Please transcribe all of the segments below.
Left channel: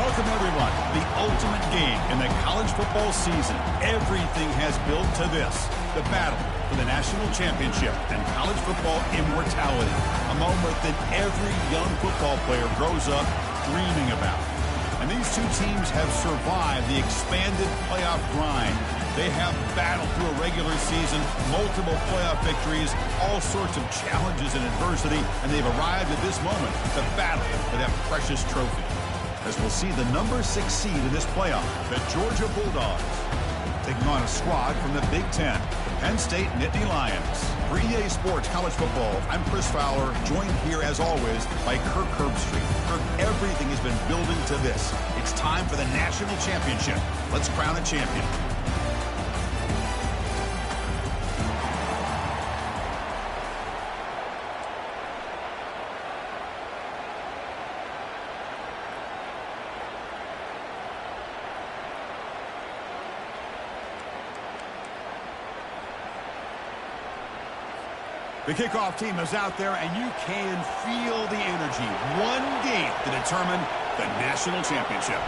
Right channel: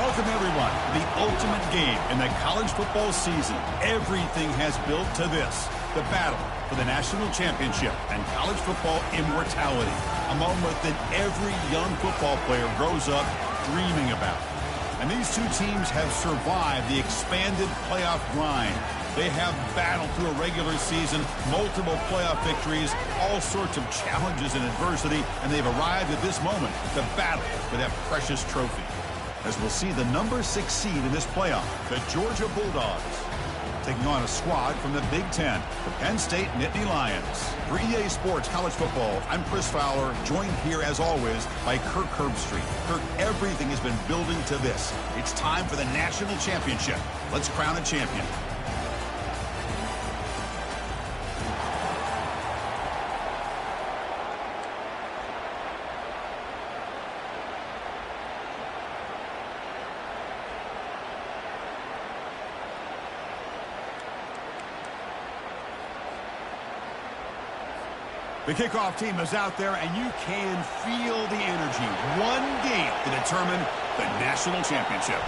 Welcome, everyone, to the ultimate game in the college football season. Everything has built to this, the battle for the national championship and college football immortality, a moment that every young football player grows up dreaming about. And these two teams have survived the expanded playoff grind. They have battled through a regular season, multiple playoff victories, all sorts of challenges and adversity, and they've arrived at this moment, the battle for that precious trophy. As we'll see the number 6 seed in this playoff, the Georgia Bulldogs, taking on a squad from the Big Ten, the Penn State Nittany Lions. For EA Sports College Football, I'm Chris Fowler, joined here as always by Kirk Herbstreit. Kirk, everything has been building to this. It's time for the national championship. Let's crown a champion. The kickoff team is out there, and you can feel the energy. One game to determine the national championship.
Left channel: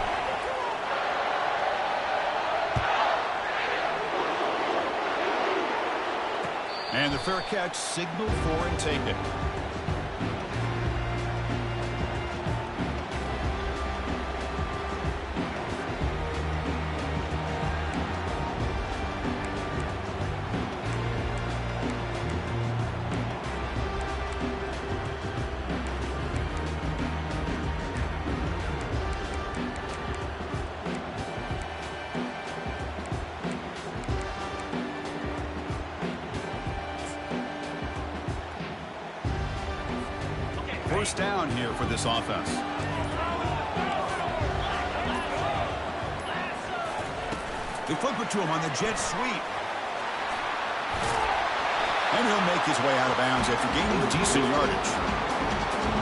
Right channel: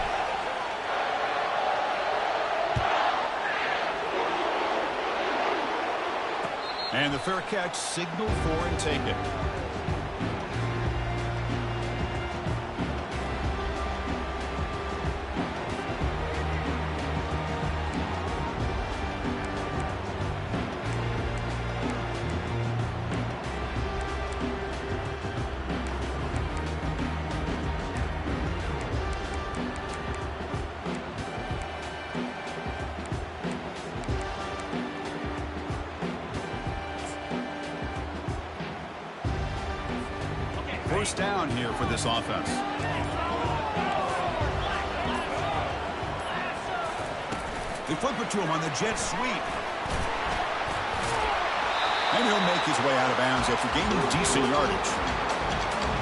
And the fair catch signaled for and taken. First down here for this offense. They flip it to him on the jet sweep. And he'll make his way out of bounds after gaining decent yardage.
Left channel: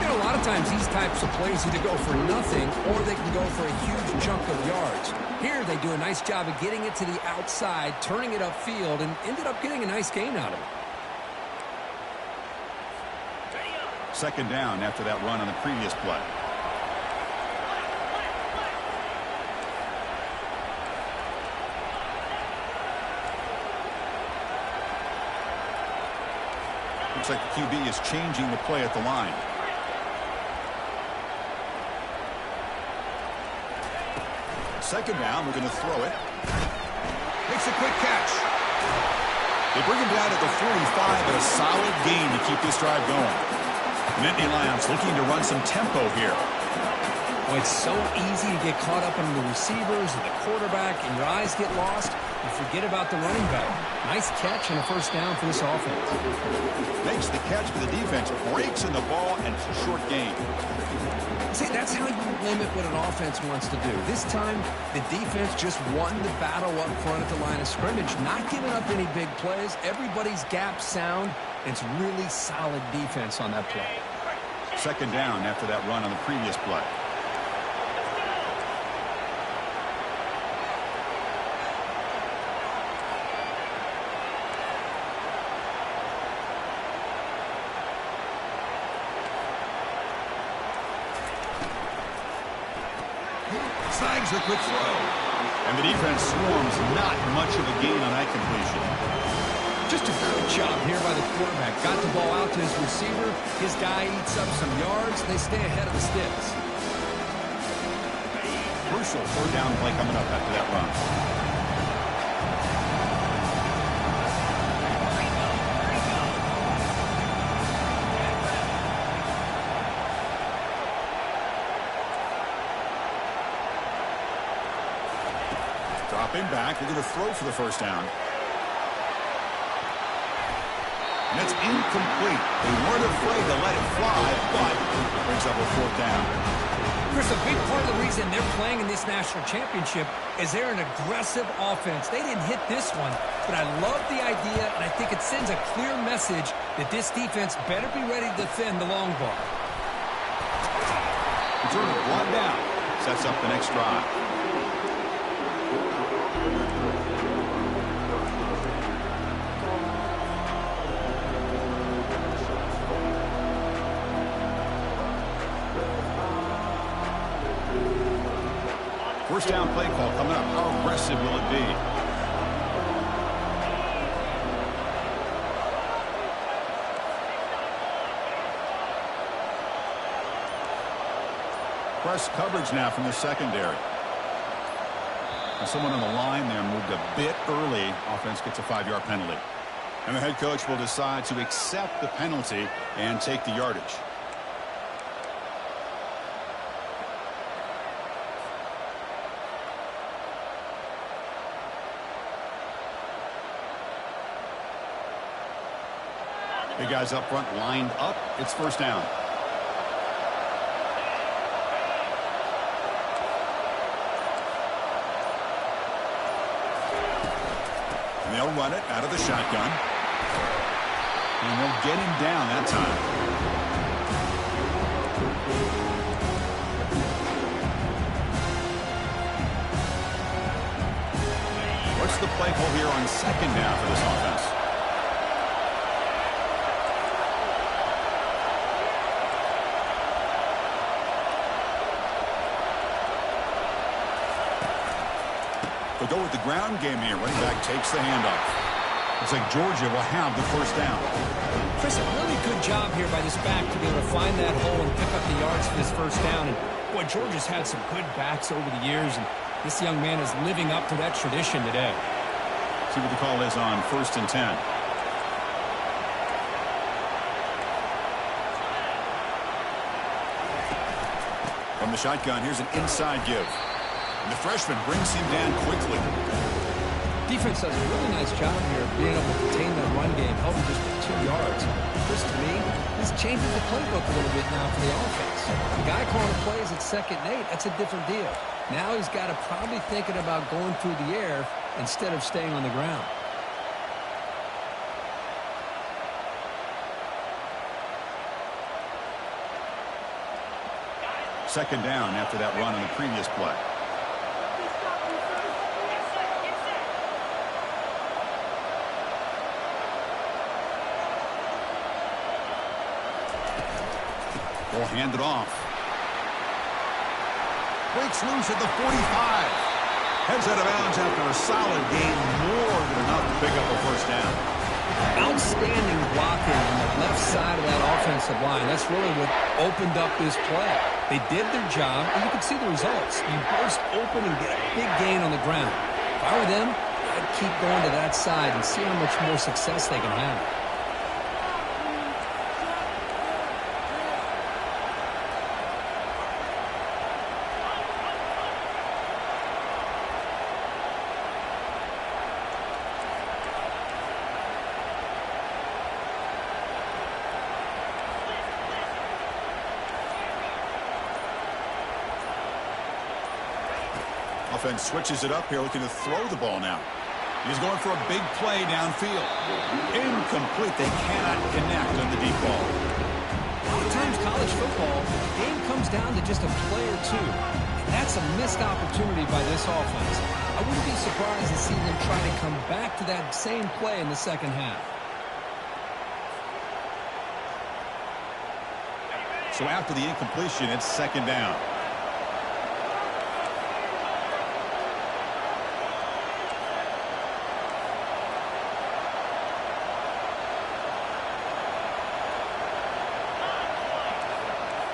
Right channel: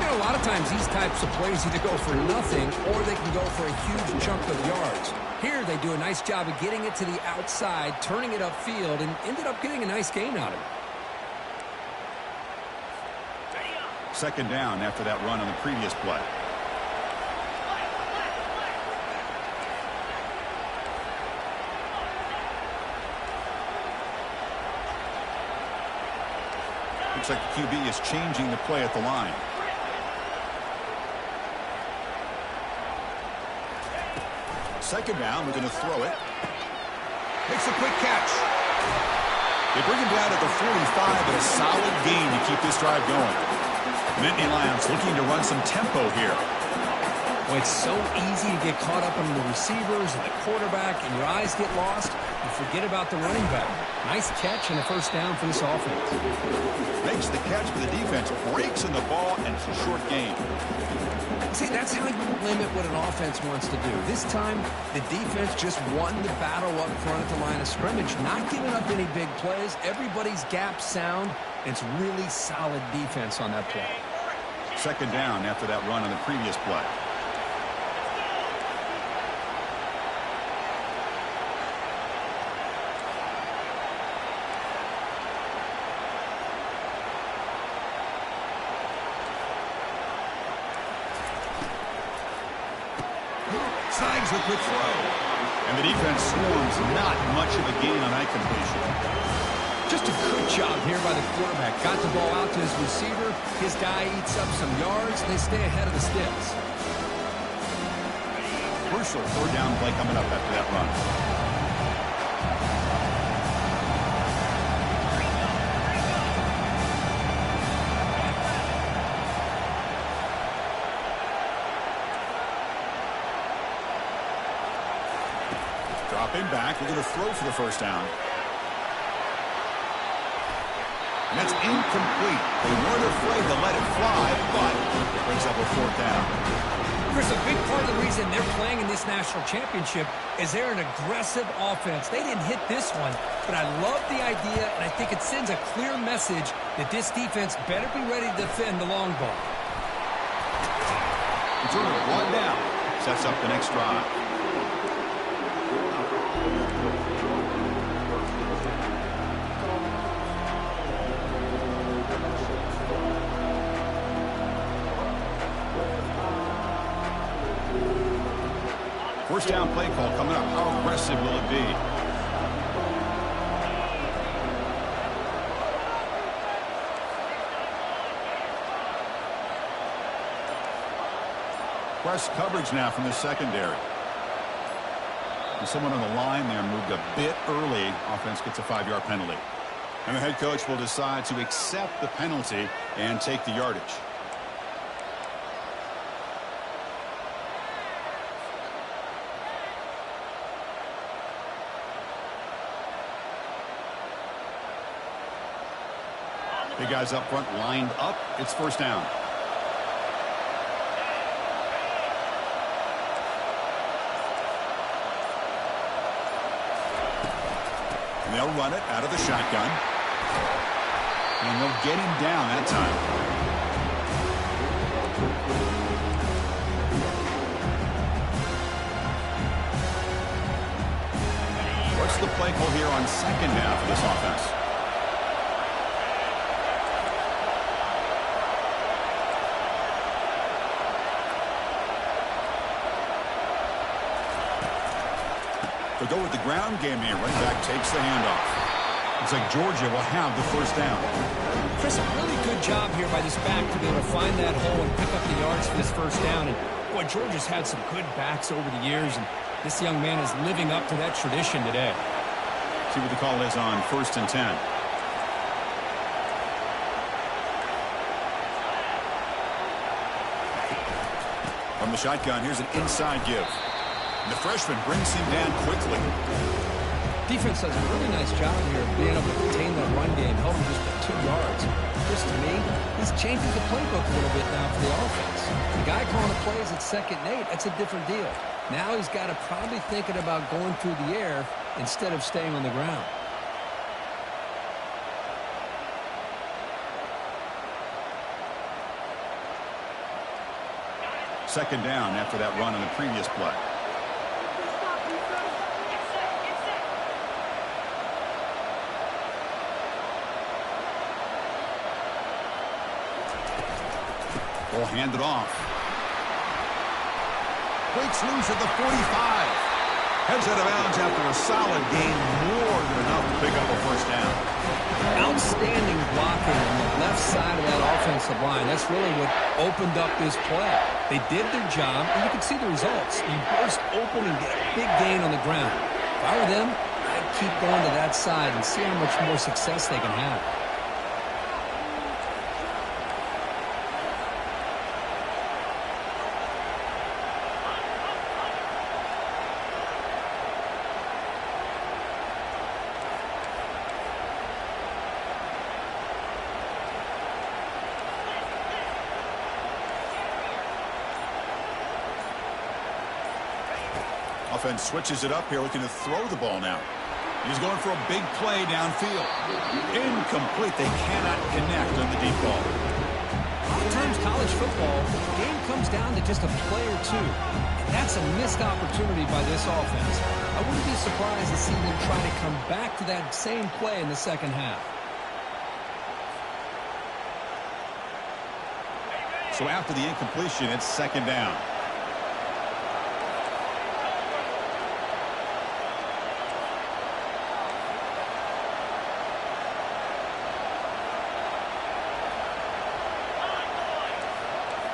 You know, a lot of times these types of plays either go for nothing or they can go for a huge chunk of yards. Here they do a nice job of getting it to the outside, turning it upfield, and ended up getting a nice gain out of it. Second down after that run on the previous play. Looks like the QB is changing the play at the line. Second down, we're going to throw it. Makes a quick catch. They bring him down at the 45, but a solid gain to keep this drive going. Nittany Lions looking to run some tempo here. Well, it's so easy to get caught up on the receivers and the quarterback, and your eyes get lost. You forget about the running back. Nice catch and a first down for this offense. Makes the catch for the defense, breaks in the ball, and it's a short gain. See, that's how you limit what an offense wants to do. This time, the defense just won the battle up front at the line of scrimmage, not giving up any big plays. Everybody's gap sound. It's really solid defense on that play. Second down after that run on the previous play. Snags the quick throw. And the defense swarms, not much of a gain on that completion. Just a good job here by the quarterback. Got the ball out to his receiver. His guy eats up some yards. They stay ahead of the sticks. Crucial third down play coming up after that run. Dropping back. They're going to throw for the first down. And that's incomplete. They weren't afraid to let it fly, but it brings up a fourth down. Chris, a big part of the reason they're playing in this national championship is they're an aggressive offense. They didn't hit this one, but I love the idea, and I think it sends a clear message that this defense better be ready to defend the long ball. Returner brought down. Sets up the next drive. First down play call coming up. How aggressive will it be? Press coverage now from the secondary. And someone on the line there moved a bit early. Offense gets a 5-yard penalty. And the head coach will decide to accept the penalty and take the yardage. The guys up front lined up. It's first down. And they'll run it out of the shotgun. And they'll get him down that time. What's the play call here on second down for this offense? They'll go with the ground game here. Running back takes the handoff. Looks like Georgia will have the first down. Chris, a really good job here by this back to be able to find that hole and pick up the yards for this first down. And, boy, Georgia's had some good backs over the years, and this young man is living up to that tradition today. See what the call is on 1st and 10. From the shotgun, here's an inside give. And the freshman brings him down quickly. Defense does a really nice job here of being able to contain that run game. Held him just at 2 yards. Chris, to me, this changes the playbook a little bit now for the offense. The guy calling the plays at 2nd and 8, that's a different deal. Now he's got to probably thinking about going through the air instead of staying on the ground. Second down after that run on the previous play. Will hand it off. Breaks loose at the 45. Heads out of bounds after a solid gain, more than enough to pick up a first down. Outstanding blocking on the left side of that offensive line. That's really what opened up this play. They did their job, and you can see the results. You burst open and get a big gain on the ground. If I were them, I'd keep going to that side and see how much more success they can have. Offense switches it up here, looking to throw the ball now. He's going for a big play downfield. Incomplete. They cannot connect on the deep ball. A lot of times college football, the game comes down to just a play or two. And that's a missed opportunity by this offense. I wouldn't be surprised to see them try to come back to that same play in the second half. So after the incompletion, it's second down.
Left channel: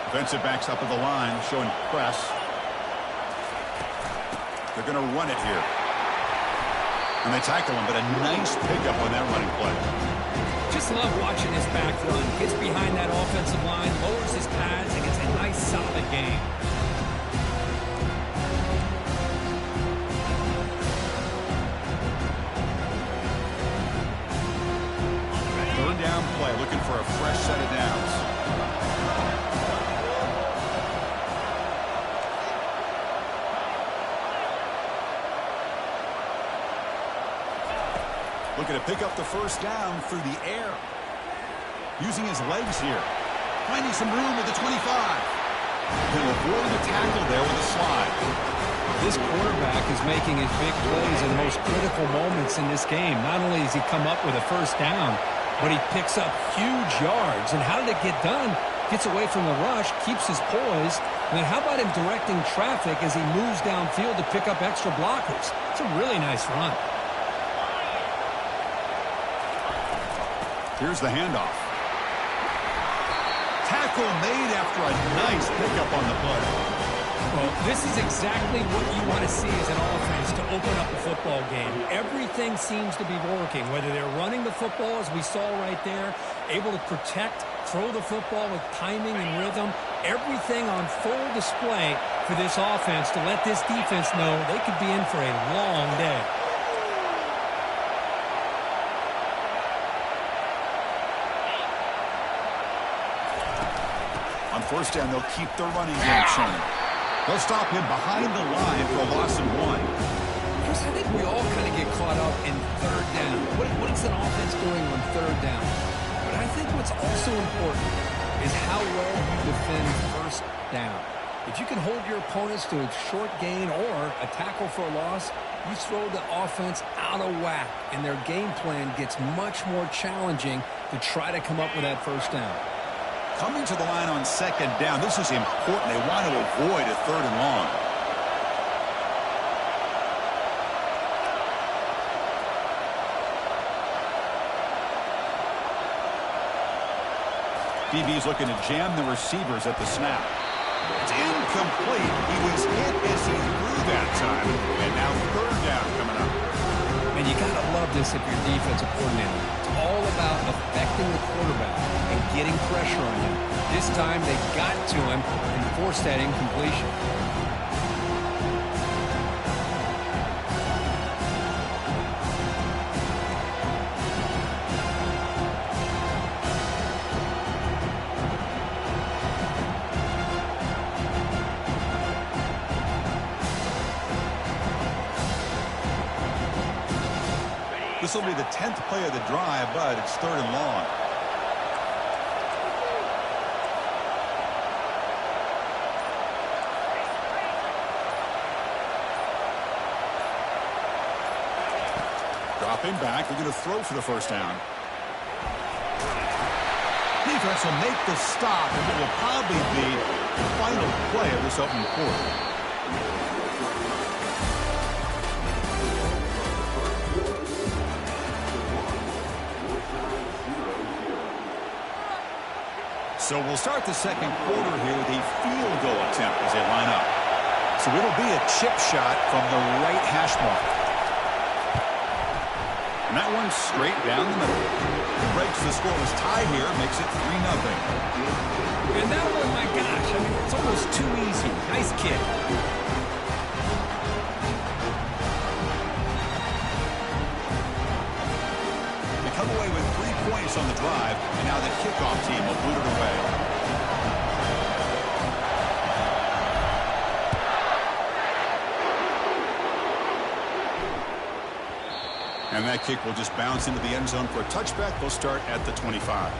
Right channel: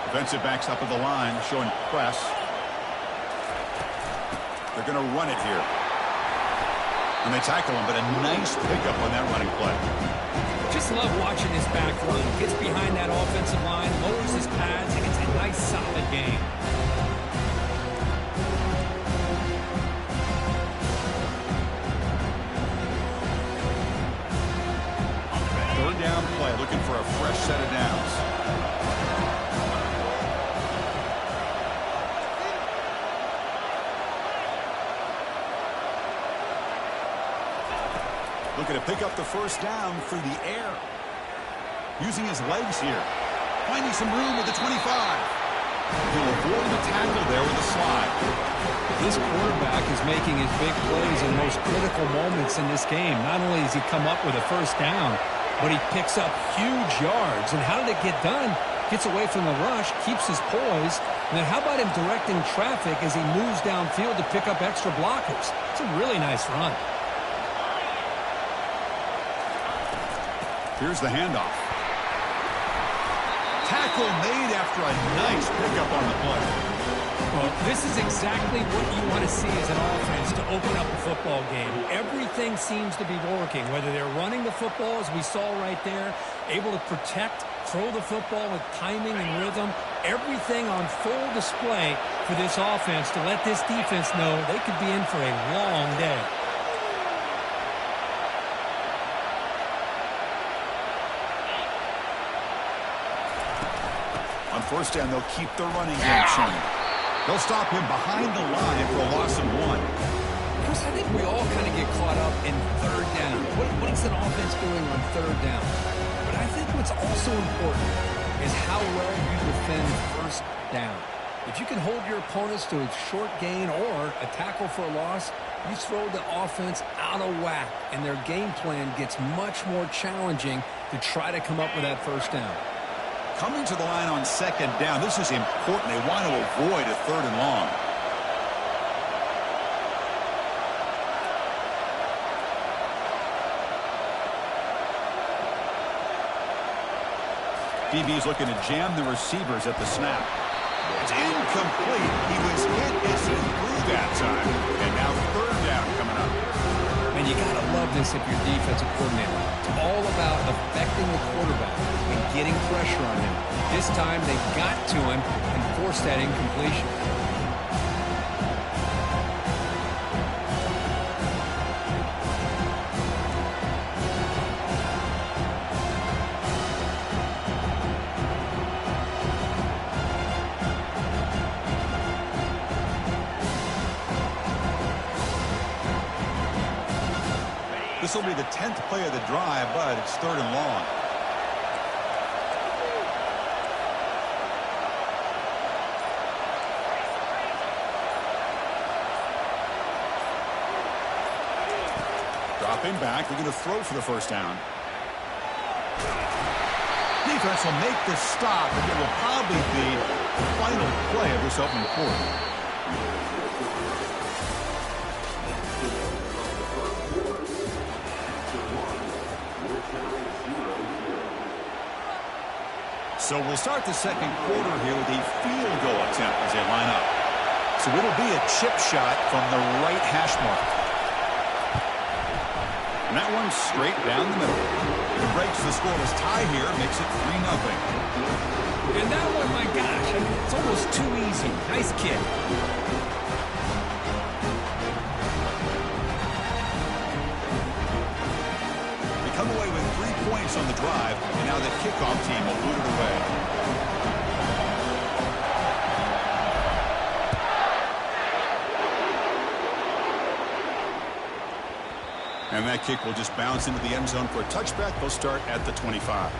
Defensive backs up at the line, showing press. They're going to run it here. And they tackle him, but a nice pickup on that running play. Just love watching this back run. Gets behind that offensive line, lowers his pads, and gets a nice, solid gain. Third down play, looking for a fresh set of downs. Looking to pick up the first down through the air. Using his legs here. Finding some room at the 25. He'll avoid the tackle there with a slide. This quarterback is making his big plays in the most critical moments in this game. Not only does he come up with a first down, but he picks up huge yards. And how did it get done? Gets away from the rush, keeps his poise. And then how about him directing traffic as he moves downfield to pick up extra blockers? It's a really nice run. Here's the handoff. Tackle made after a nice pickup on the play. Well, this is exactly what you want to see as an offense to open up a football game. Everything seems to be working, whether they're running the football, as we saw right there, able to protect, throw the football with timing and rhythm. Everything on full display for this offense to let this defense know they could be in for a long day. On first down, they'll keep the running game churning. They'll stop him behind the line for a loss of 1. Chris, I think we all kind of get caught up in third down. What is an offense doing on third down? But I think what's also important is how well you defend first down. If you can hold your opponents to a short gain or a tackle for a loss, you throw the offense out of whack, and their game plan gets much more challenging to try to come up with that first down. Coming to the line on second down, this is important. They want to avoid a 3rd and long. DB's looking to jam the receivers at the snap. It's incomplete. He was hit as he threw that time. And now 3rd down coming up. And you got to love this if you're defensive coordinator. It's all about affecting the quarterback and getting pressure on him. This time they got to him and forced that incompletion. This will be the 10th play of the drive, but it's 3rd and long. Dropping back, they're going to throw for the first down. Defense will make the stop, and it will probably be the final play of this opening quarter. So we'll start the second quarter here with a field goal attempt as they line up. So it'll be a chip shot from the right hash mark. And that one's straight down the middle. It breaks the scoreless tie here, makes it 3-0. And that one, my gosh, I mean, it's almost too easy. Nice kick. Come away with 3 points on the drive, and now the kickoff team will boot it away. And that kick will just bounce into the end zone for a touchback. They'll start at the 25.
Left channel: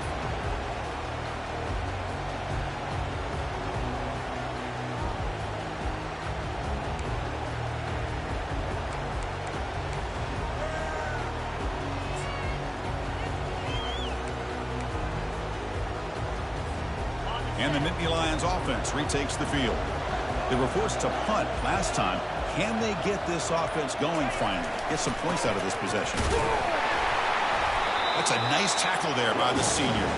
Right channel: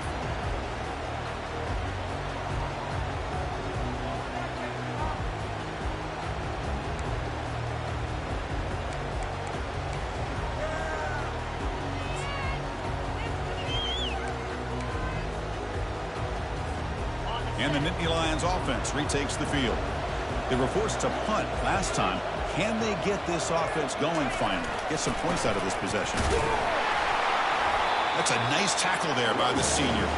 And the Nittany Lions offense retakes the field. They were forced to punt last time. Can they get this offense going finally? Get some points out of this possession. That's a nice tackle there by the senior.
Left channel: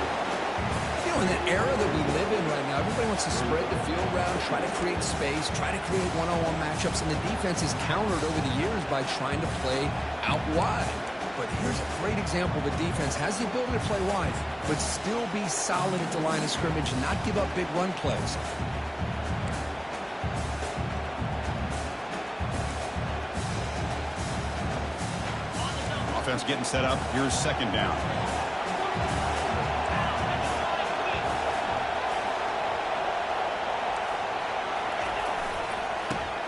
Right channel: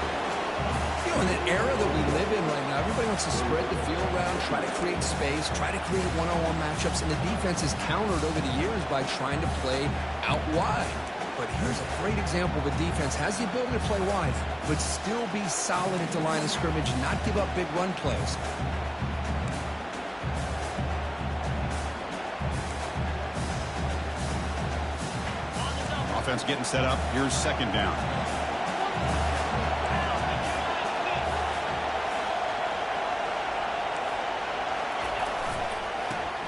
You know, in the era that we live in right now, everybody wants to spread the field around, try to create space, try to create one-on-one matchups, and the defense is countered over the years by trying to play out wide. But here's a great example of a defense has the ability to play wide, but still be solid at the line of scrimmage and not give up big run plays. Offense getting set up. Here's second down.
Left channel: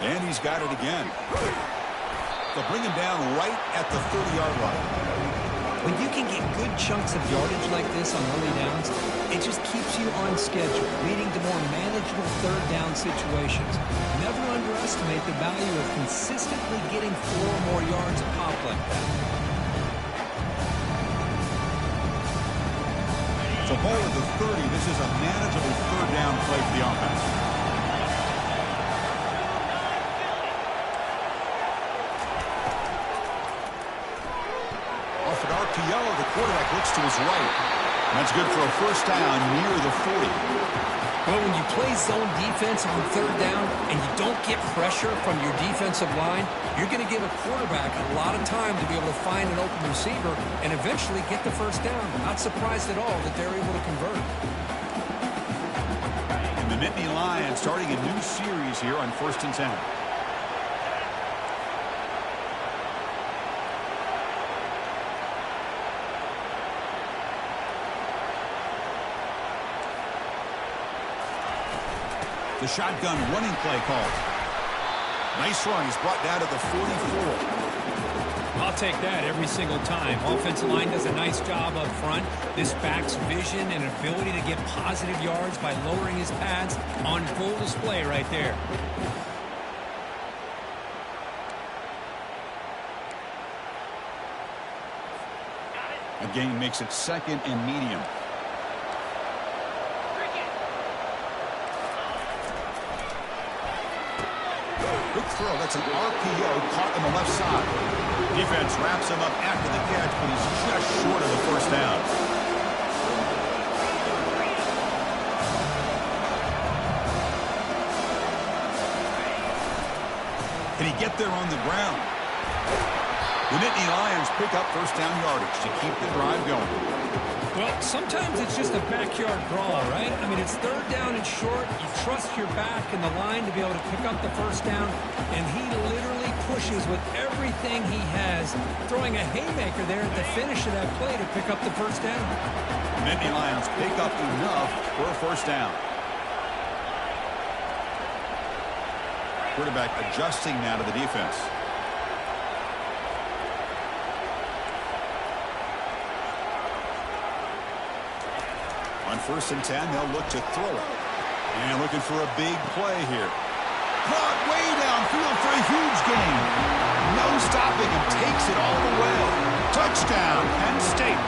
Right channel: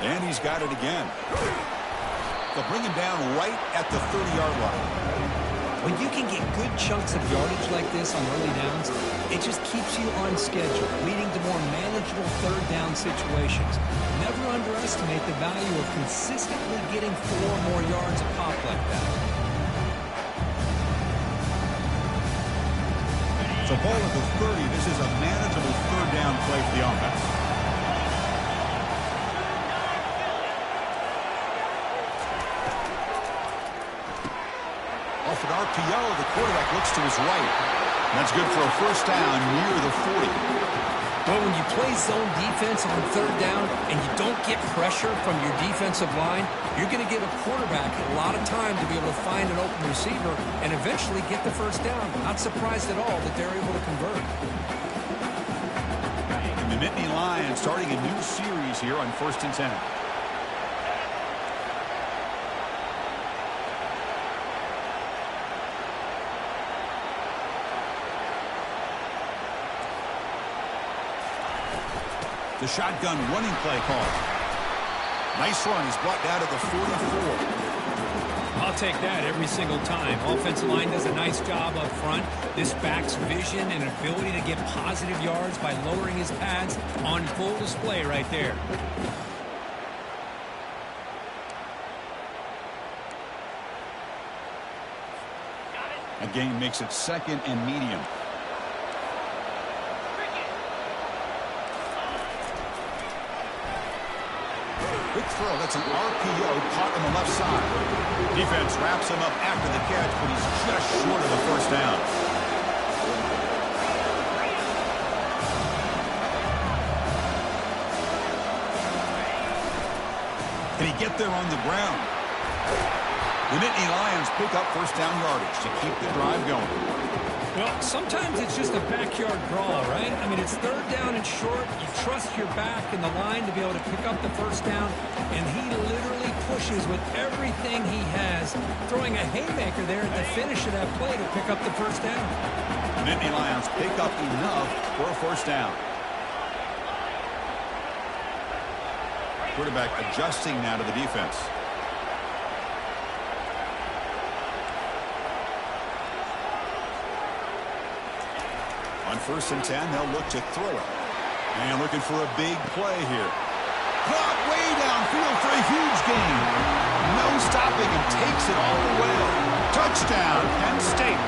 And he's got it again. They'll bring him down right at the 30-yard line. When you can get good chunks of yardage like this on early downs, it just keeps you on schedule, leading to more manageable third down situations. Never underestimate the value of consistently getting 4 more yards a pop like that. So ball at the 30. This is a manageable third down play for the offense. Off an RPO, the quarterback looks to his right. That's good for a first down near the 40. Well, when you play zone defense on third down and you don't get pressure from your defensive line, you're going to give a quarterback a lot of time to be able to find an open receiver and eventually get the first down. Not surprised at all that they're able to convert. And the Nittany Lions starting a new series here on 1st and 10. The shotgun running play called. Nice run. He's brought down to the 44. I'll take that every single time. Offensive line does a nice job up front. This back's vision and ability to get positive yards by lowering his pads on full display right there. A gain makes it 2nd and medium. Quick throw. That's an RPO caught on the left side. Defense wraps him up after the catch, but he's just short of the first down. Can he get there on the ground? The Nittany Lions pick up first down yardage to keep the drive going. Well, sometimes it's just a backyard brawl, right? I mean, it's third down and short. You trust your back and the line to be able to pick up the first down, and he literally pushes with everything he has, throwing a haymaker there at the finish of that play to pick up the first down. The Nittany Lions pick up enough for a first down. Quarterback adjusting now to the defense. On 1st and 10, they'll look to throw it. And looking for a big play here. Caught way downfield for a huge gain. No stopping him. Takes it all the way. Touchdown, Penn State.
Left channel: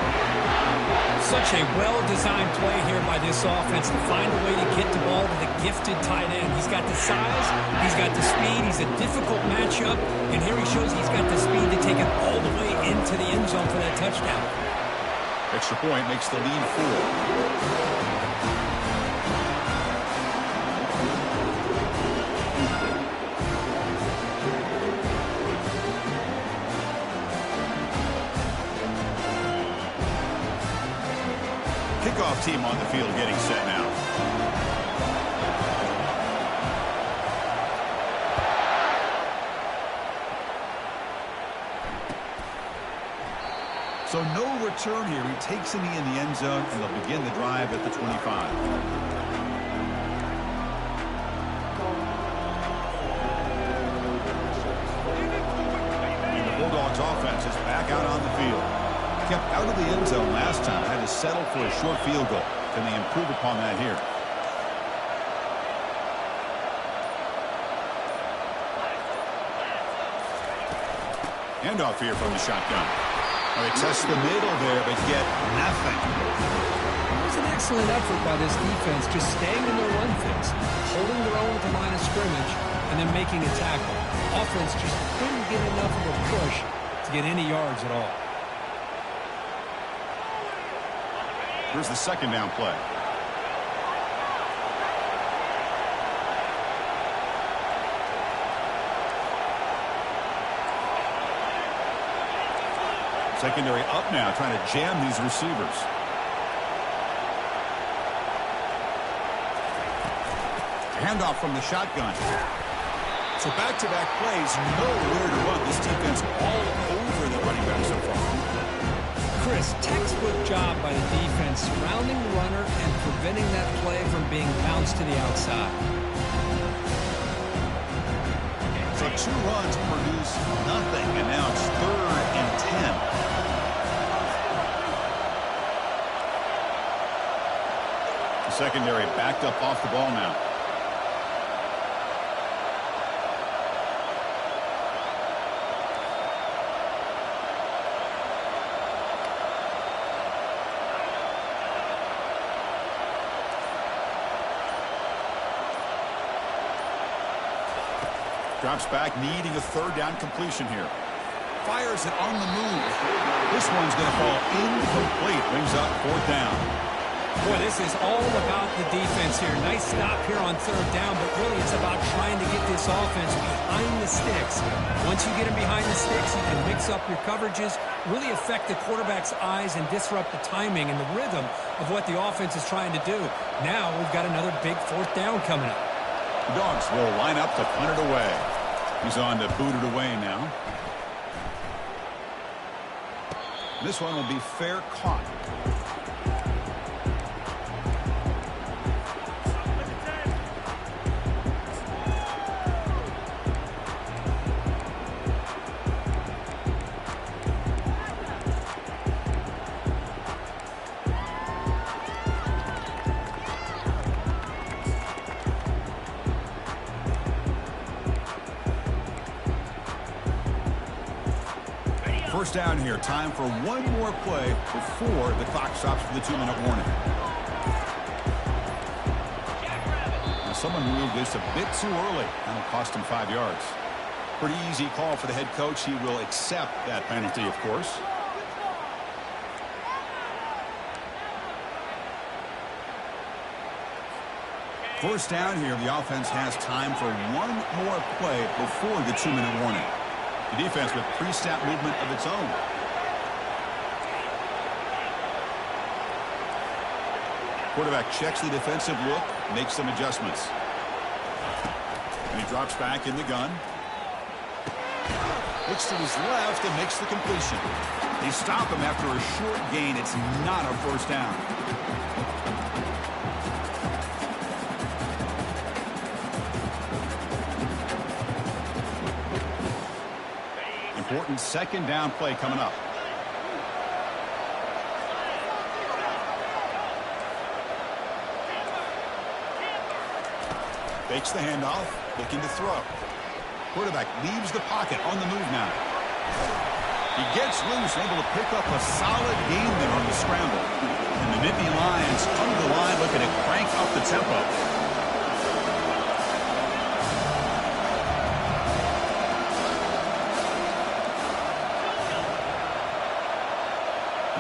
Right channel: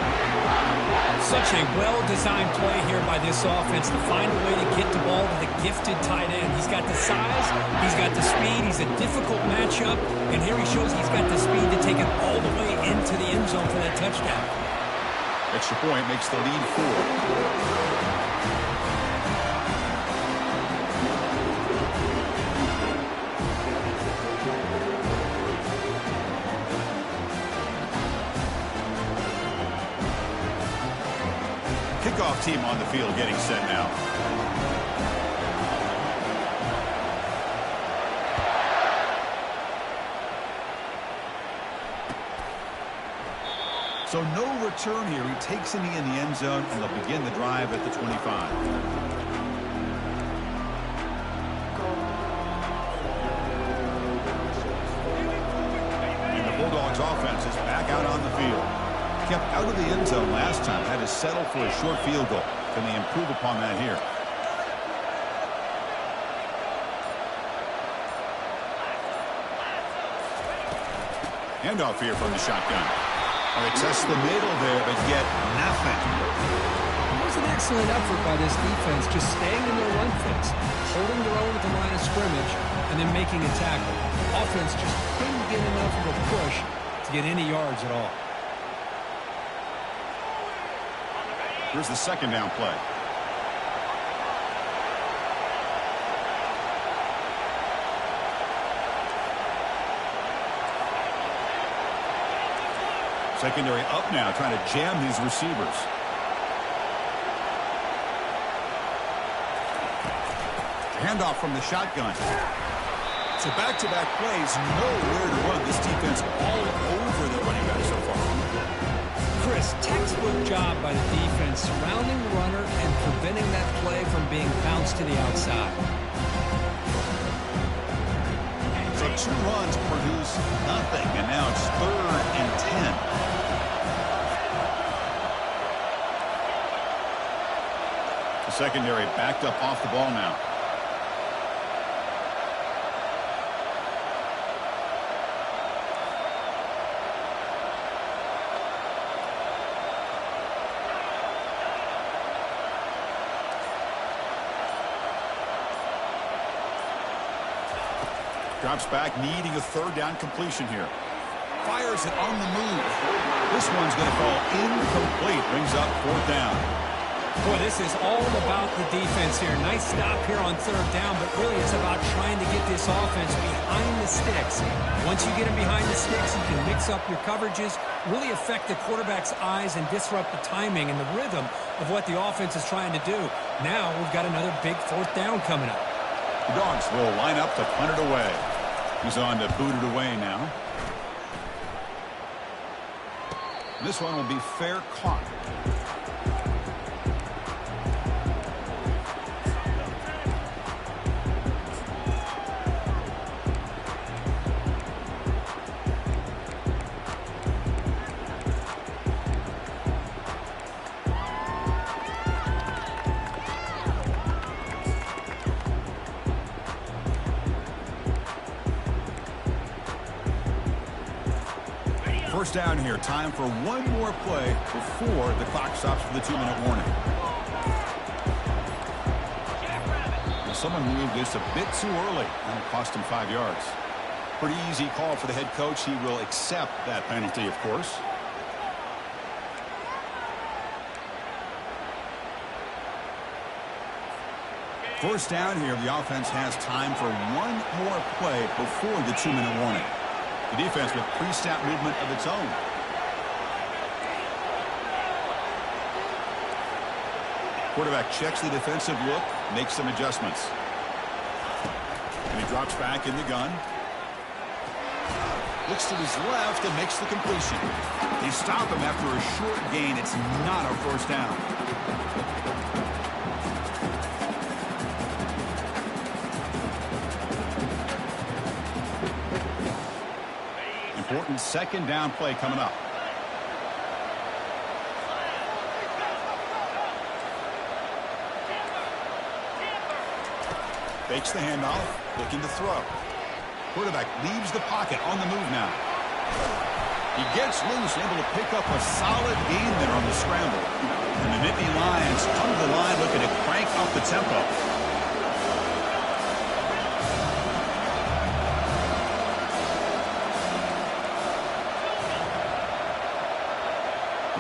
Such a well-designed play here by this offense to find a way to get the ball to the gifted tight end. He's got the size. He's got the speed. He's a difficult matchup. And here he shows he's got the speed to take it all the way into the end zone for that touchdown. Extra point makes the lead 4. Kickoff team on the field getting set now. So no return here. He takes a knee in the end zone, and they'll begin the drive at the 25. And the Bulldogs offense is back out on the field. Kept out of the end zone last time. Had to settle for a short field goal. Can they improve upon that here? Handoff here from the shotgun. Well, they test the middle there, but get nothing. It was an excellent effort by this defense, just staying in their run fits, holding their own at the line of scrimmage, and then making a tackle. Offense just couldn't get enough of a push to get any yards at all. Here's the 2nd down play. Secondary up now, trying to jam these receivers. Handoff from the shotgun. So back-to-back plays, nowhere to run. This defense all over the running back so far. Chris, textbook job by the defense surrounding the runner and preventing that play from being bounced to the outside. So 2 runs produce nothing, and now it's 3rd and 10. The secondary backed up off the ball now. Drops back, needing a third down completion here. Fires it on the move. This one's going to fall incomplete. Brings up fourth down. Boy, this is all about the defense here. Nice stop here on third down, but really it's about trying to get this offense behind the sticks. Once you get them behind the sticks, you can mix up your coverages, really affect the quarterback's eyes and disrupt the timing and the rhythm of what the offense is trying to do. Now we've got another big fourth down coming up. The Dogs will line up to punt it away. He's on to boot it away now. This one will be fair caught. First down here. Time for one more play before the clock stops for the 2-minute warning. Now someone ruled this a bit too early. That'll cost him 5 yards. Pretty easy call for the head coach. He will accept that penalty, of course. First down here. The offense has time for one more play before the 2-minute warning. The defense with pre-snap movement of its own. Quarterback checks the defensive look, makes some adjustments. And he drops back in the gun. Looks to his left and makes the completion. They stop him after a short gain. It's not a first down. Important second down play coming up. Fakes the handoff, looking to throw. Quarterback leaves the pocket, on the move now. He gets loose, able to pick up a solid gain there on the scramble. And the Nittany Lions come to the line looking to crank up the tempo.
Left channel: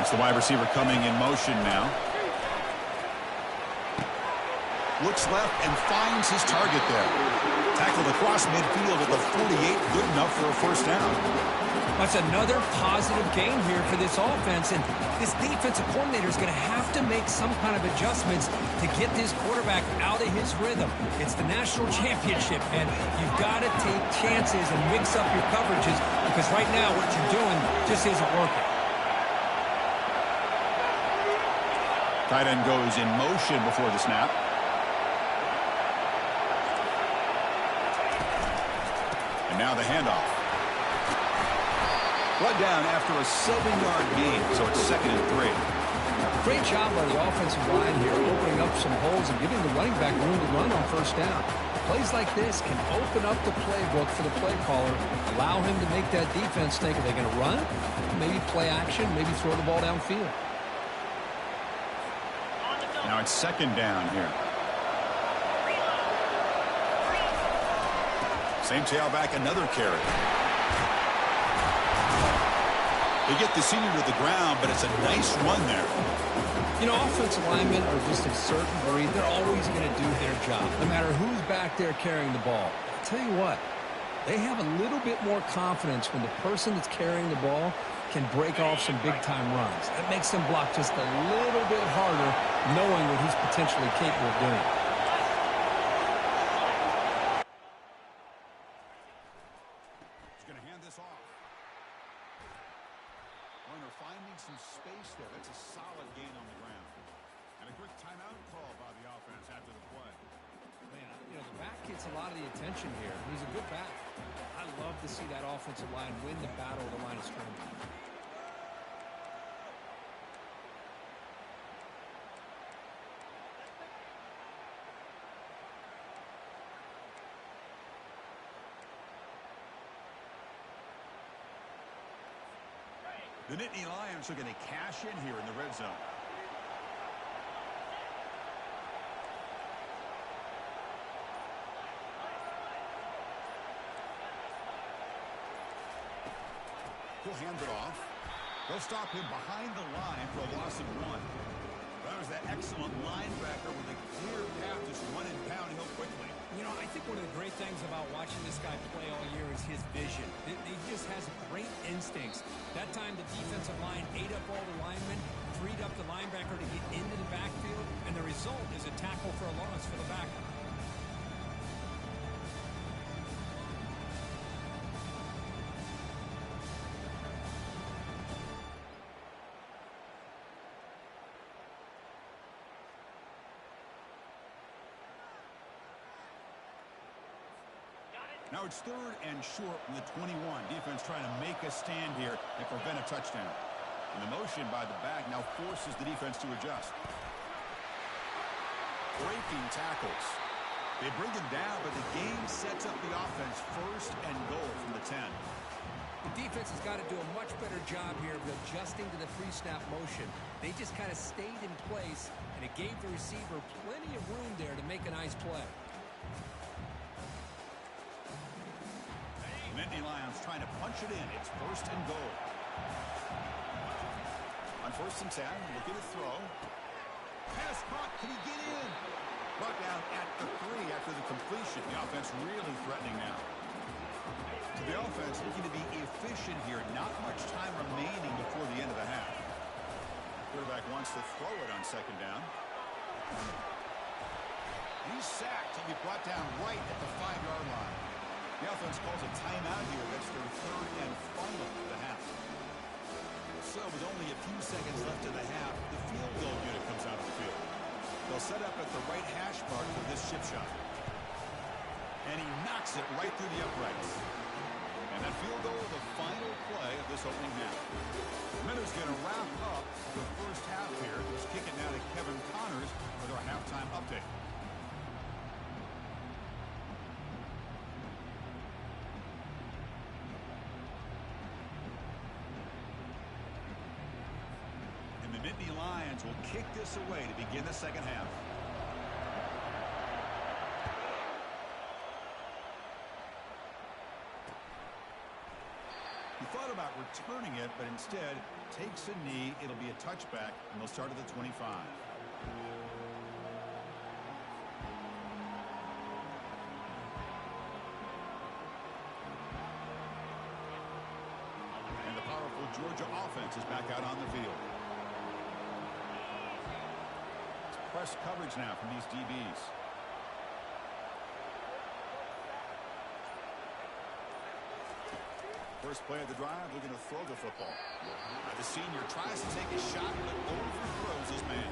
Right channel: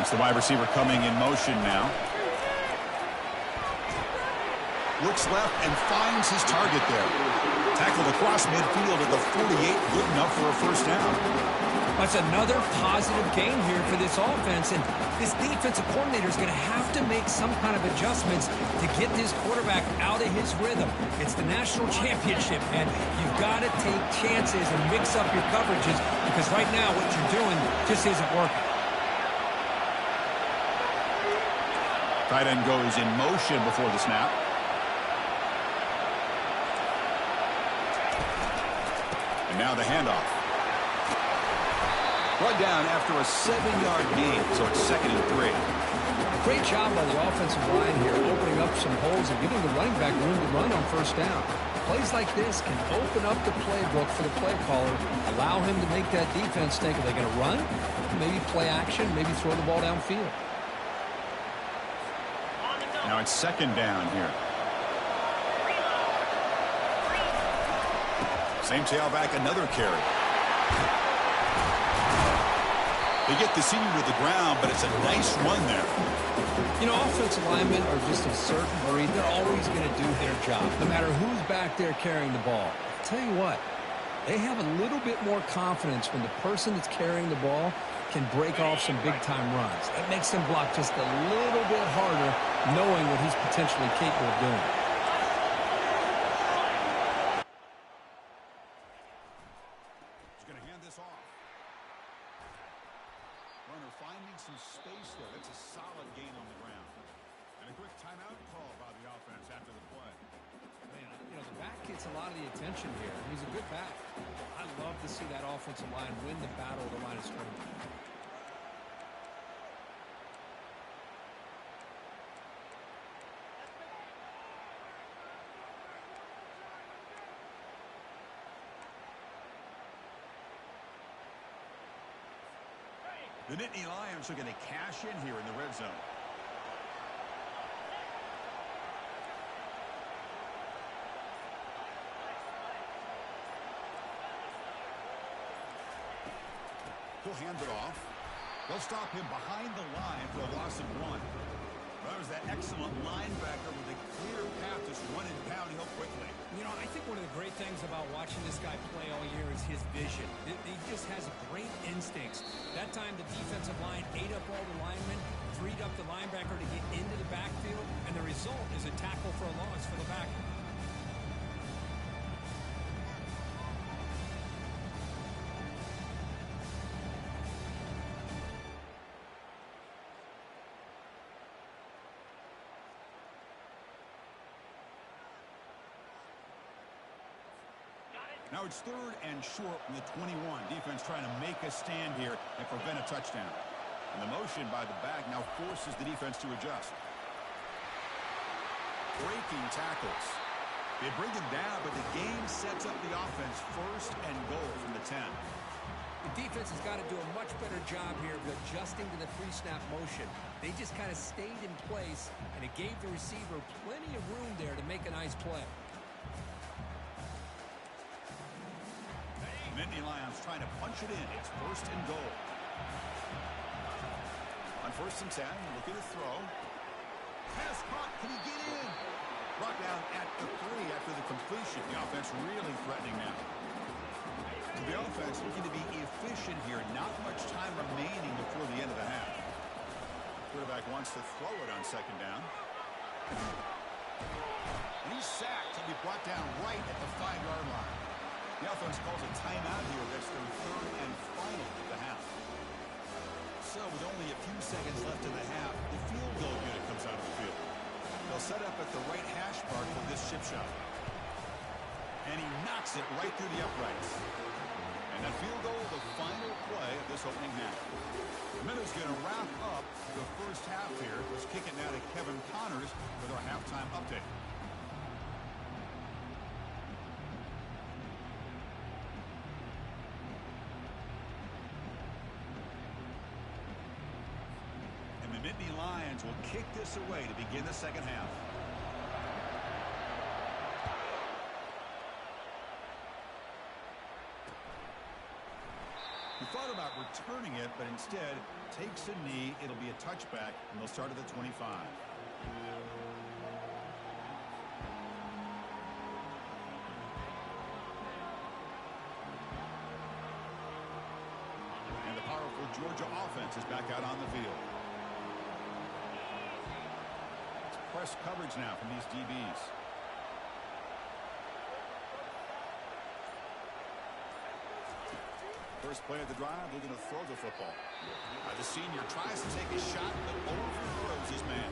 It's the wide receiver coming in motion now. Looks left and finds his target there. Tackled across midfield at the 48, good enough for a first down. That's another positive gain here for this offense, and this defensive coordinator is going to have to make some kind of adjustments to get this quarterback out of his rhythm. It's the national championship, and you've got to take chances and mix up your coverages, because right now what you're doing just isn't working. Tight end goes in motion before the snap. And now the handoff. Brought down after a 7-yard gain, so it's 2nd and 3. Great job by the offensive line here, opening up some holes and giving the running back room to run on first down. Plays like this can open up the playbook for the play caller, allow him to make that defense think, are they going to run? Maybe play action, maybe throw the ball downfield. Now it's 2nd down here. Same tailback, another carry. They get the senior to the ground, but it's a nice run there. You know, offensive linemen are just a certain breed. They're always going to do their job, no matter who's back there carrying the ball. I'll tell you what, they have a little bit more confidence when the person that's carrying the ball can break off some big-time runs. That makes them block just a little bit harder, knowing what he's potentially capable of doing. He's going to hand this off. Runner finding some space there. That's a solid gain on the ground. And a quick timeout call by the offense after the play. Man, you know, the back gets a lot of the attention here. He's a good back. I love to see that offensive line win the battle of the line of scrimmage. The Nittany Lions are going to cash in here in the red zone. He'll hand it off. They'll stop him behind the line for a loss of 1. That was that excellent linebacker with a clear path, just run and pound Hill quickly. You know, I think one of the great things about watching this guy play all year is his vision. He just has great instincts. That time the defensive line ate up all the linemen, freed up the linebacker to get into the backfield, and the result is a tackle for a loss for the backer. Now it's 3rd and short from the 21. Defense trying to make a stand here and prevent a touchdown. And the motion by the back now forces the defense to adjust. Breaking tackles. They bring him down, but the game sets up the offense 1st and goal from the 10. The defense has got to do a much better job here of adjusting to the pre-snap motion. They just kind of stayed in place, and it gave the receiver plenty of room there to make a nice play. Nittany Lions trying to punch it in. It's 1st and goal. On 1st and 10, look at the throw. Pass caught. Can he get in? Brought down at the 3 after the completion. The offense really threatening now. So the offense looking to be efficient here. Not much time remaining before the end of the half. Quarterback wants to throw it on 2nd down. And he's sacked. He'll be brought down right at the 5-yard line. The offense calls a timeout here. That's their 3rd and final of the half. So with only a few seconds left in the half, the field goal unit comes out of the field. They'll set up at the right hash mark for this chip shot. And he knocks it right through the uprights. And that field goal, the final play of this opening half. Minnows going to wrap up the first half here. Let's kick it now to Kevin Connors with our halftime update. The Nittany Lions will kick this away to begin the second half. He thought about returning it, but instead takes a knee. It'll be a touchback, and they'll start at the 25. And the powerful Georgia offense is back out on the field. Press coverage now from these DBs. First play of the drive, looking to throw the football. The senior tries to take a shot, but overthrows his man.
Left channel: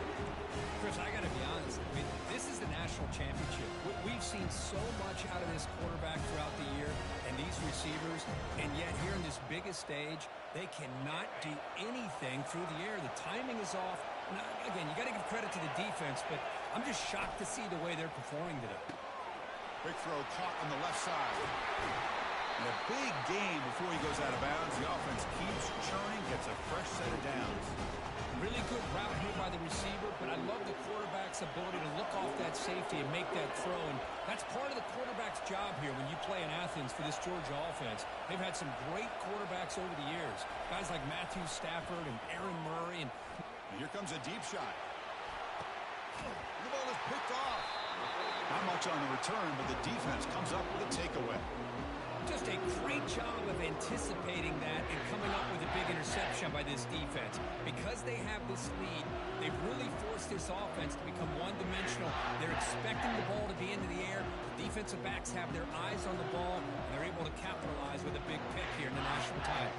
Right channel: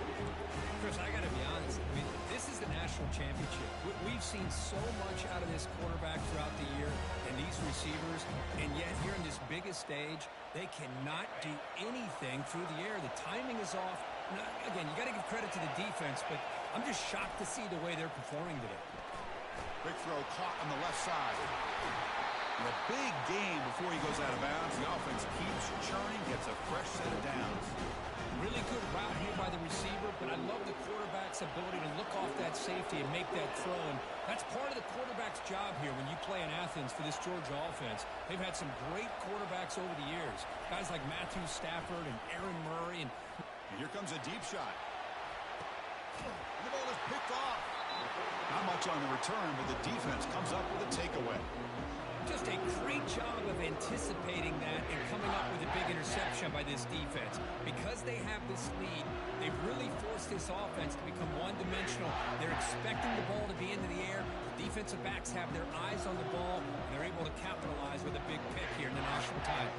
Chris, I got to be honest. I mean, this is the national championship. We've seen so much out of this quarterback throughout the year and these receivers, and yet here in this biggest stage, they cannot do anything through the air. The timing is off. Now, again, you got to give credit to the defense, but I'm just shocked to see the way they're performing today. Big throw caught on the left side. And a big game before he goes out of bounds. The offense keeps churning, gets a fresh set of downs. Really good route here by the receiver, but I love the quarterback's ability to look off that safety and make that throw. And that's part of the quarterback's job here when you play in Athens for this Georgia offense. They've had some great quarterbacks over the years. Guys like Matthew Stafford and Aaron Murray. And here comes a deep shot. And the ball is picked off. Not much on the return, but the defense comes up with a takeaway. Just a great job of anticipating that and coming up with a big interception by this defense. Because they have this lead, they've really forced this offense to become one-dimensional. They're expecting the ball to be into the air. The defensive backs have their eyes on the ball, and they're able to capitalize with a big pick here in the national title.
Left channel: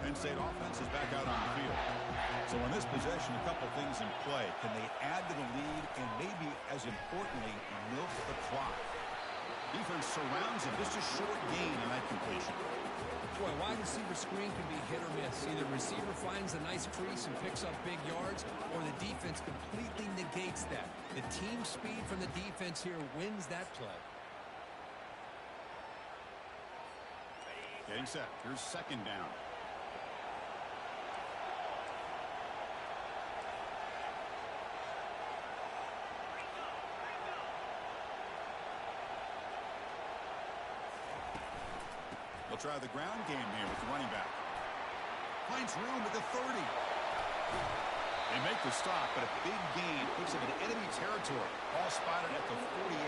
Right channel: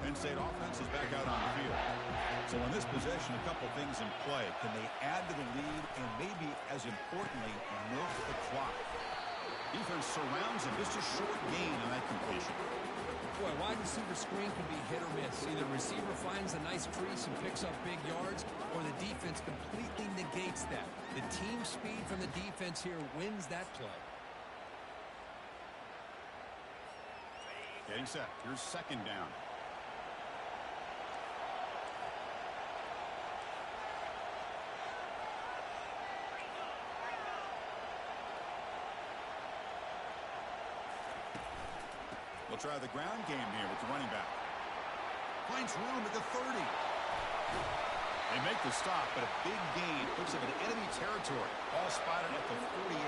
Penn State offense is back out on the field. So in this possession, a couple things in play. Can they add to the lead and maybe, as importantly, milk the clock? Defense surrounds him. Just a short gain on that completion. Boy, wide receiver screen can be hit or miss. Either receiver finds a nice crease and picks up big yards, or the defense completely negates that. The team speed from the defense here wins that play. Getting set. Here's second down. try the ground game here with the running back. Finds room at the 30. They make the stop, but a big gain puts them in enemy territory. Ball spotted at the 48.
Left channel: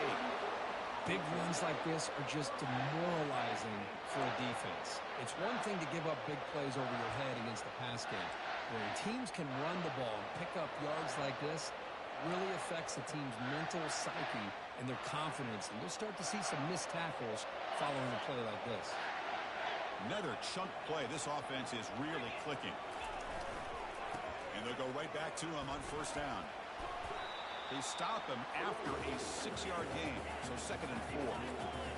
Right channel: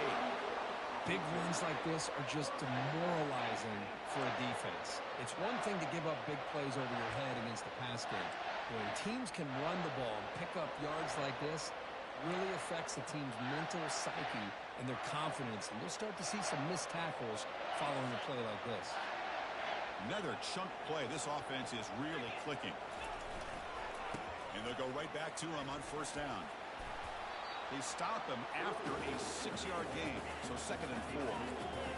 Big runs like this are just demoralizing for a defense. It's one thing to give up big plays over your head against the pass game. When teams can run the ball and pick up yards like this, really affects the team's mental psyche and their confidence. And you'll start to see some missed tackles following a play like this. Another chunk play. This offense is really clicking. And they'll go right back to him on first down. They stop him after a 6-yard gain, so 2nd and 4.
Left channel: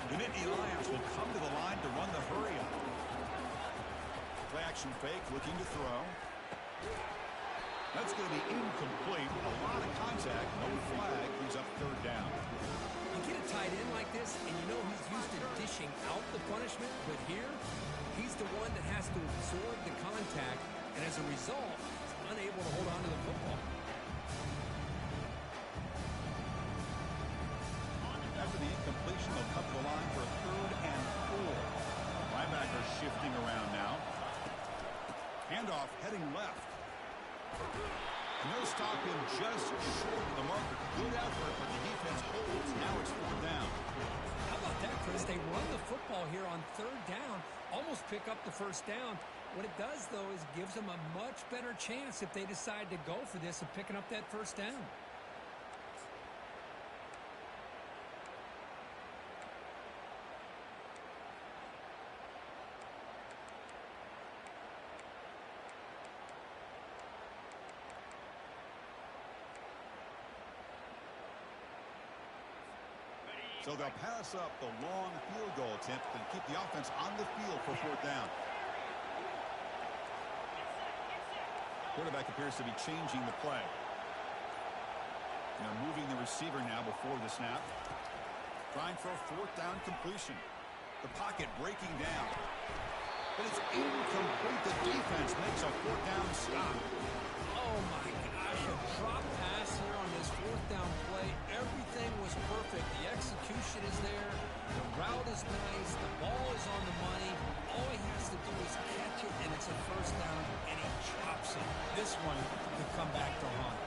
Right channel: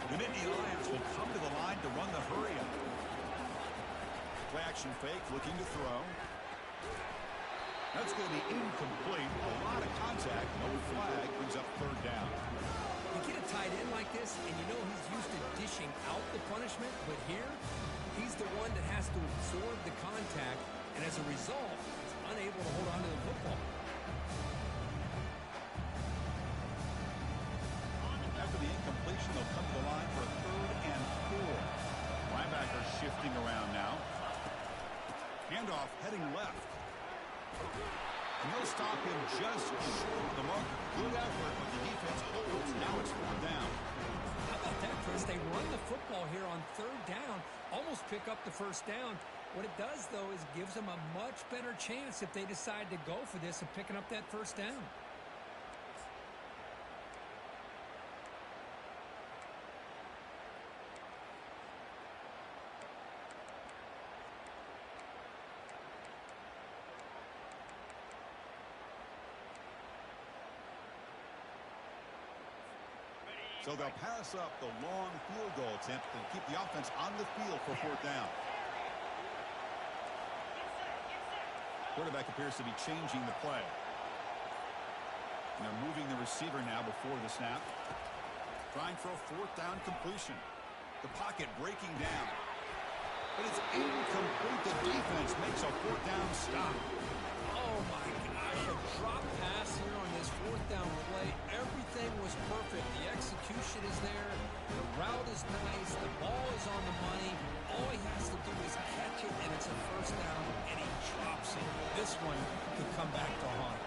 The Nittany Lions will come to the line to run the hurry up. Play action fake, looking to throw. That's going to be incomplete. A lot of contact, no flag, brings up 3rd down. You get a tight end like this, and you know he's used to dishing out the punishment, but here, he's the one that has to absorb the contact, and as a result, he's unable to hold on to the football. After the incompletion, they'll come to the line for a 3rd and 4. Linebacker shifting around now. Handoff heading left. And they'll stop him just short of the marker. Good effort, but the defense holds. Now it's 4th down. How about that, Chris? They run the football here on 3rd down, almost pick up the first down. What it does, though, is gives them a much better chance if they decide to go for this of picking up that first down. So they'll pass up the long field goal attempt and keep the offense on the field for 4th down. Quarterback appears to be changing the play. And they're moving the receiver now before the snap. Trying for a 4th down completion. The pocket breaking down. But it's incomplete. The defense makes a 4th down stop. Oh, my gosh, a drop pass here on this 4th down play. Everything was perfect. The execution is there. The route is nice. The ball is on the money. All he has to do is catch it, and it's a 1st down, and he drops it. This one could come back to haunt.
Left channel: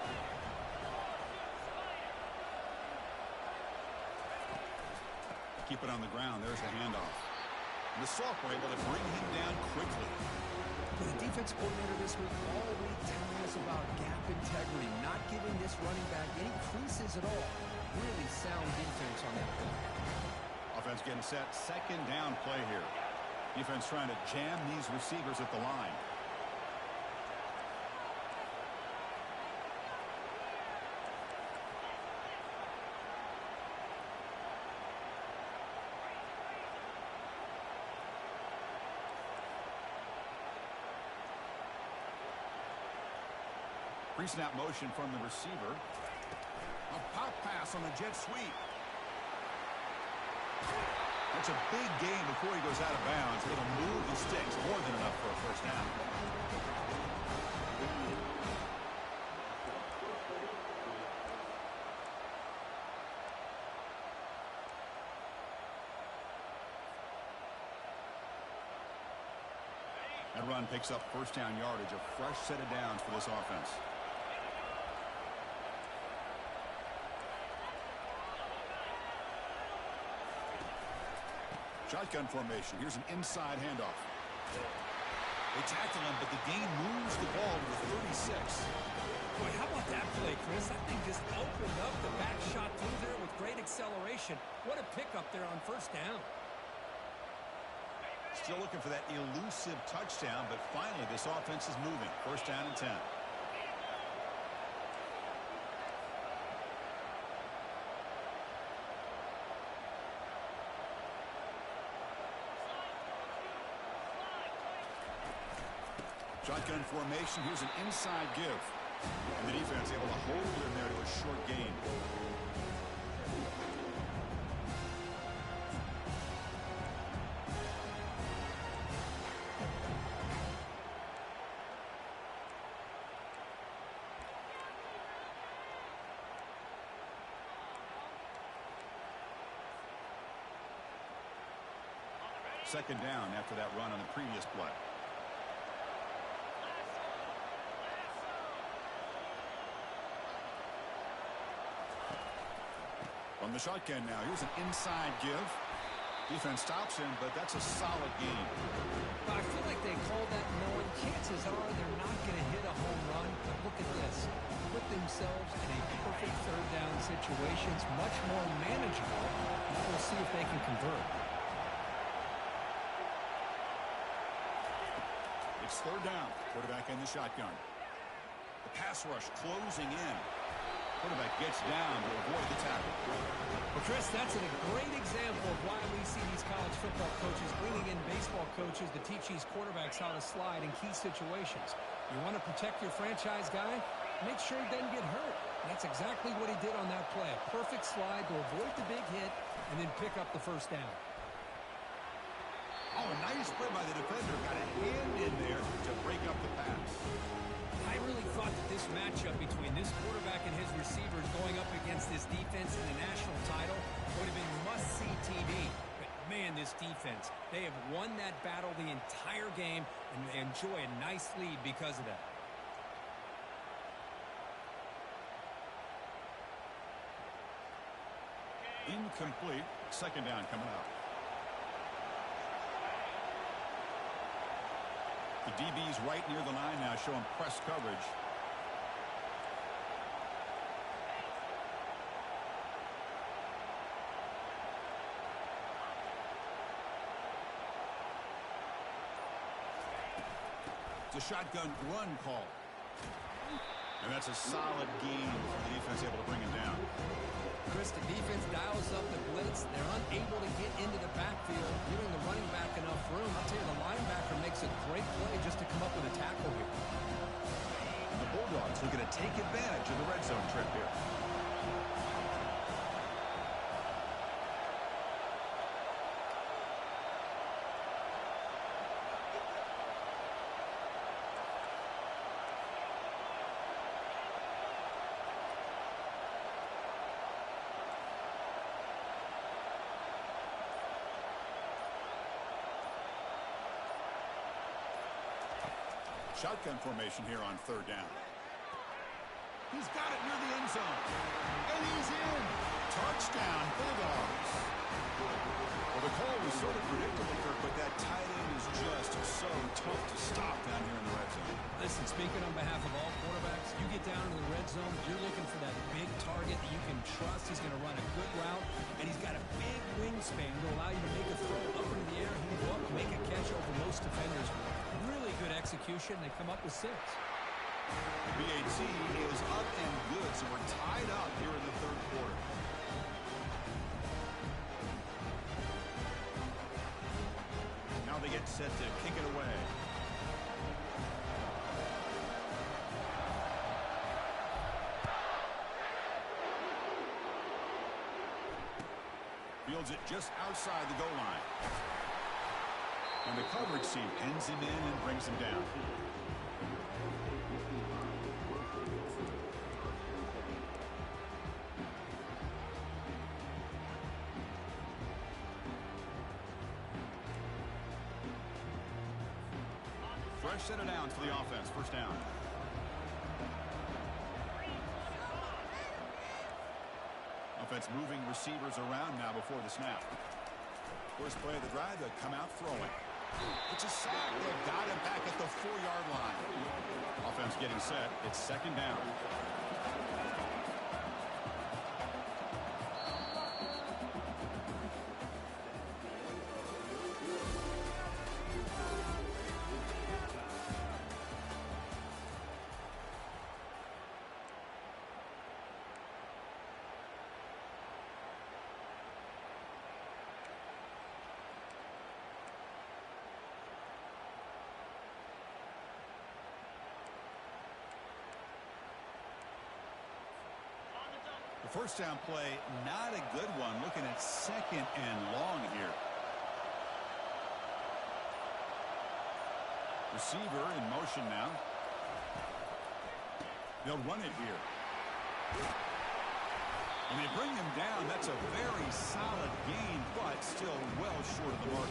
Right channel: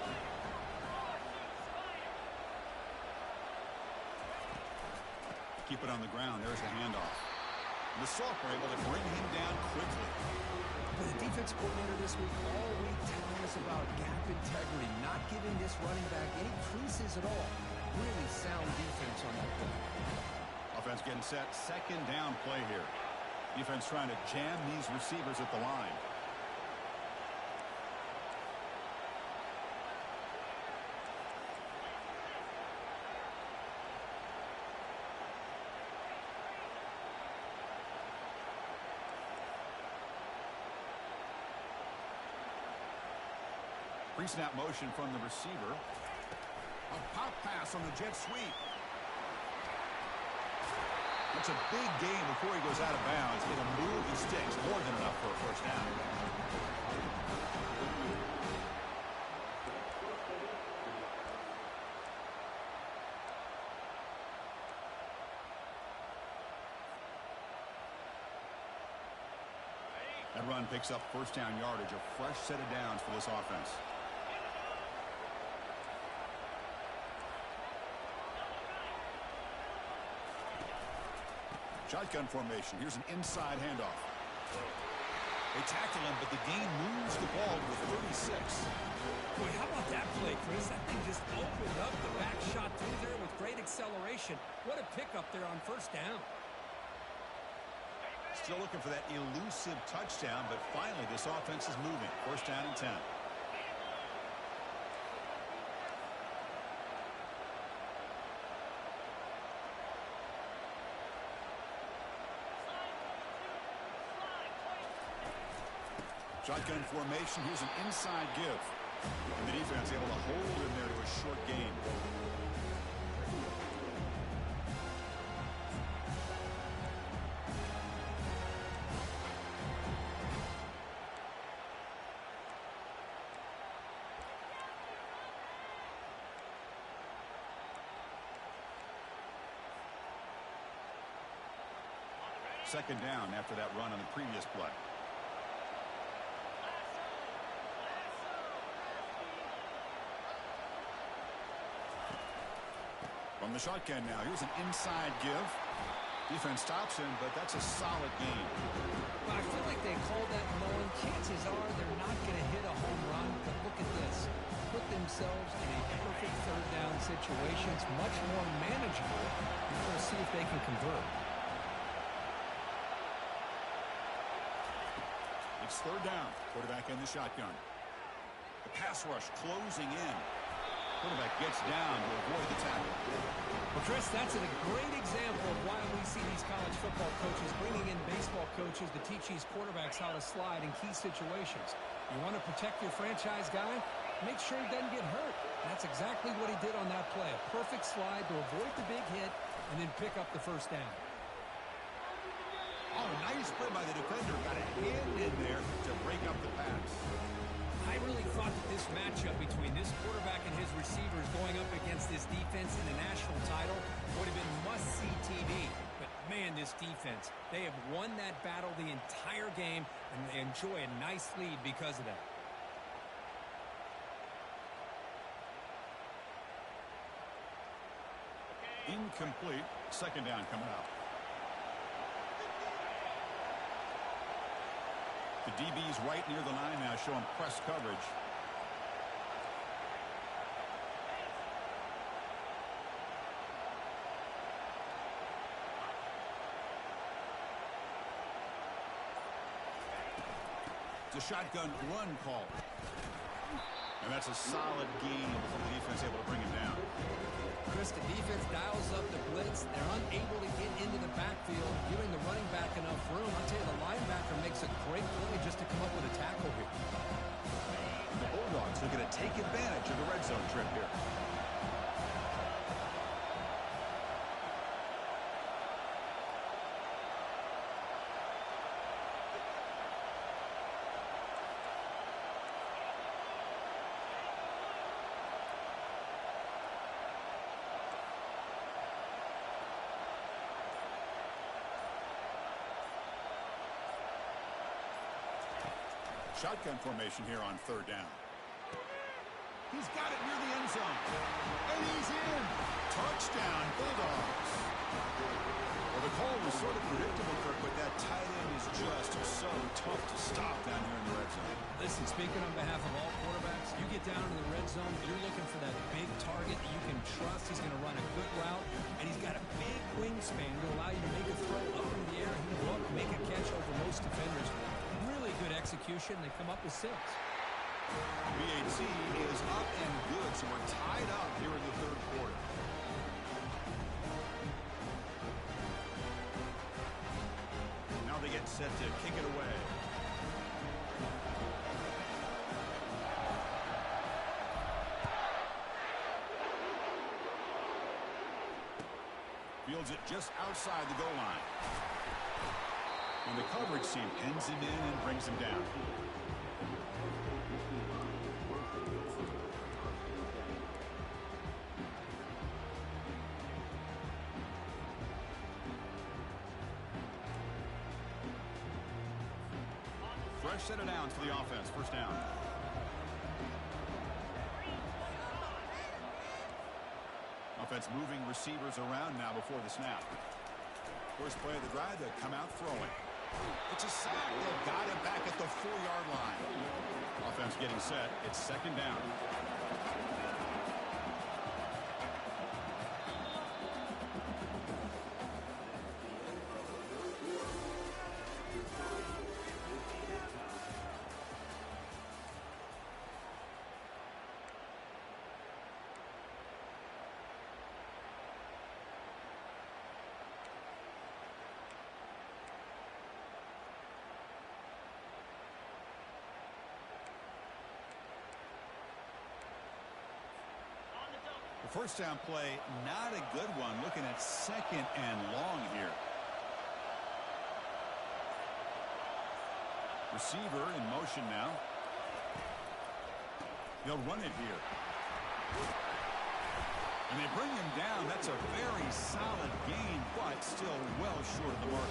Keep it on the ground. There's the handoff. And the Salk were able to bring him down quickly. The defense coordinator this week all week telling us about gap integrity, not giving this running back any creases at all. Really sound defense on that play. Offense getting set. 2nd down play here. Defense trying to jam these receivers at the line. Pre-snap motion from the receiver. A pop pass on the jet sweep. That's a big gain before he goes out of bounds. It'll move the sticks. More than enough for a 1st down. That run picks up 1st down yardage. A fresh set of downs for this offense. Shotgun formation. Here's an inside handoff. They tackle him, but the gain moves the ball to the 36. Boy, how about that play, Chris? That thing just opened up. The back shot through there with great acceleration. What a pickup there on 1st down. Still looking for that elusive touchdown, but finally this offense is moving. 1st down and 10. Shotgun formation. Here's an inside give. And the defense able to hold him there to a short gain. Second down after that run on the previous play. From the shotgun now, here's an inside give. Defense stops him, but that's a solid gain. Well, I feel like they called that knowing chances are they're not going to hit a home run, but look at this. Put themselves in a perfect third down situation. It's much more manageable. Now we'll see if they can convert. It's third down. Quarterback in the shotgun. The pass rush closing in. Quarterback gets down to avoid the tackle. Well, Chris, that's a great example of why we see these college football coaches bringing in baseball coaches to teach these quarterbacks how to slide in key situations. You want to protect your franchise guy? Make sure he doesn't get hurt. And that's exactly what he did on that play. A perfect slide to avoid the big hit and then pick up the first down. Oh, a nice play by the defender. Got a hand in there to break up the pass. I really thought that this matchup between this quarterback and his receivers going up against this defense in the national title would have been must-see TV. But, man, this defense, they have won that battle the entire game, and they enjoy a nice lead because of that. Incomplete. Second down coming up. The DB's right near the line now, showing press coverage. It's a shotgun run call. And that's a solid gain before the defense able to bring him down. Chris, the defense dials up the blitz. They're unable to get into the backfield, giving the running back enough room. I'll tell you, the linebacker makes a great play just to come up with a tackle here. The Bulldogs looking to take advantage of the red zone trip here. Shotgun formation here on third down. He's got it near the end zone. And he's in. Touchdown, Bulldogs. Well, the call was sort of predictable, Kirk, but that tight end is just so tough to stop down here in the red zone. Listen, speaking on behalf of all quarterbacks, you get down to the red zone, you're looking for that big target that you can trust. He's going to run a good route, and he's got a big wingspan to allow you to make a throw up into the air. He can go up and make a catch over most defenders. Really good execution. They come up with 6. The BAT is up and good, so we're tied up here in the third quarter. Now they get set to kick it away. Fields it just outside the goal line. And the coverage team pins him in and brings him down. Fresh set of downs for the offense. First down. Offense moving receivers around now before the snap. First play of the drive, they come out throwing. It's a sack. They've got him back at the 4-yard line. Offense getting set. It's second down. The first down play, not a good one. Looking at second and long here. Receiver in motion now. They'll run it here. And they bring him down. That's a very solid gain, but still well short of the mark.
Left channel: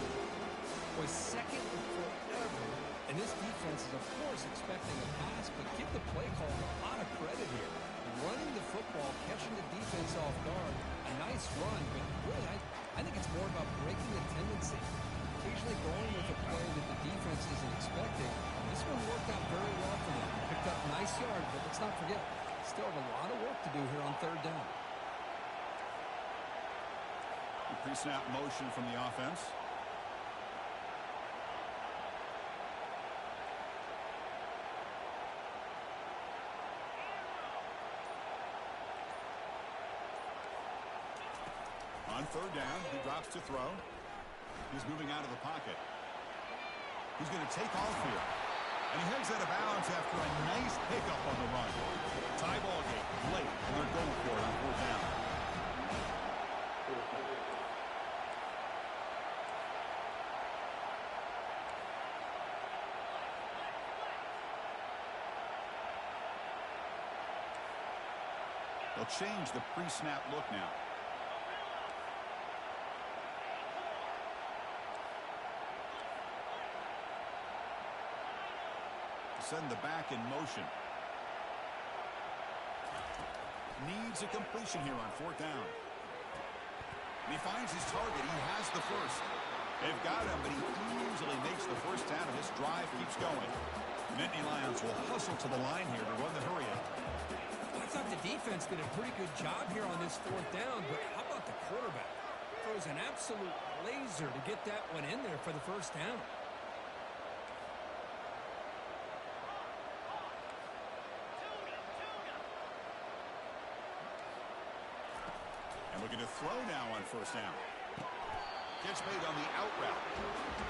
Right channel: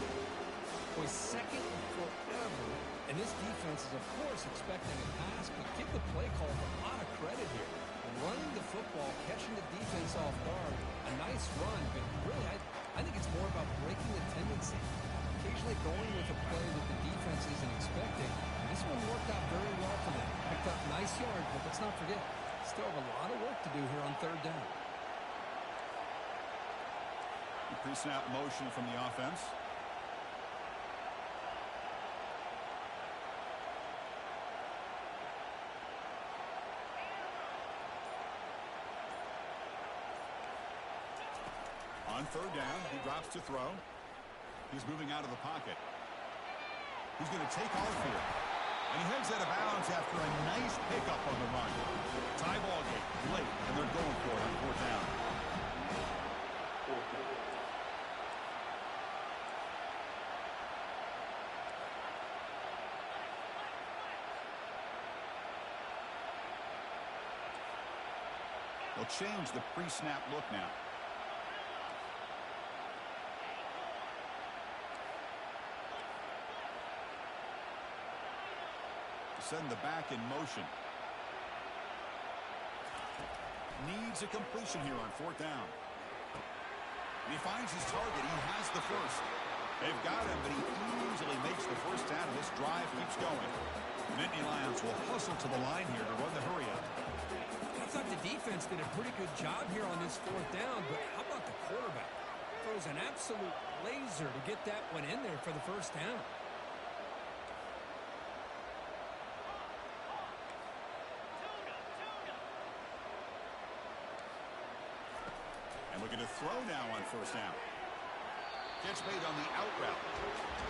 Boy, second and forever. And this defense is, of course, expecting a pass, but give the play call a lot of credit here. Running the football, catching the defense off guard, a nice run, but really, I think it's more about breaking the tendency. Occasionally going with a play that the defense isn't expecting. And this one worked out very well for them. Picked up nice yards, but let's not forget, still have a lot of work to do here on third down. Pre-snap motion from the offense. On third down, he drops to throw. He's moving out of the pocket. He's going to take off here. And he heads out of bounds after a nice pickup on the run. Tie ball game late, and they're going for it on fourth down. They'll change the pre-snap look now. Send the back in motion. Needs a completion here on fourth down. And he finds his target. He has the first. They've got him, but he easily makes the first down, and this drive keeps going. Nittany Lions will hustle to the line here to run the hurry up. I thought the defense did a pretty good job here on this fourth down, but how about the quarterback? Throws an absolute laser to get that one in there for the first down. And looking to throw now on first down. Catch made on the out route.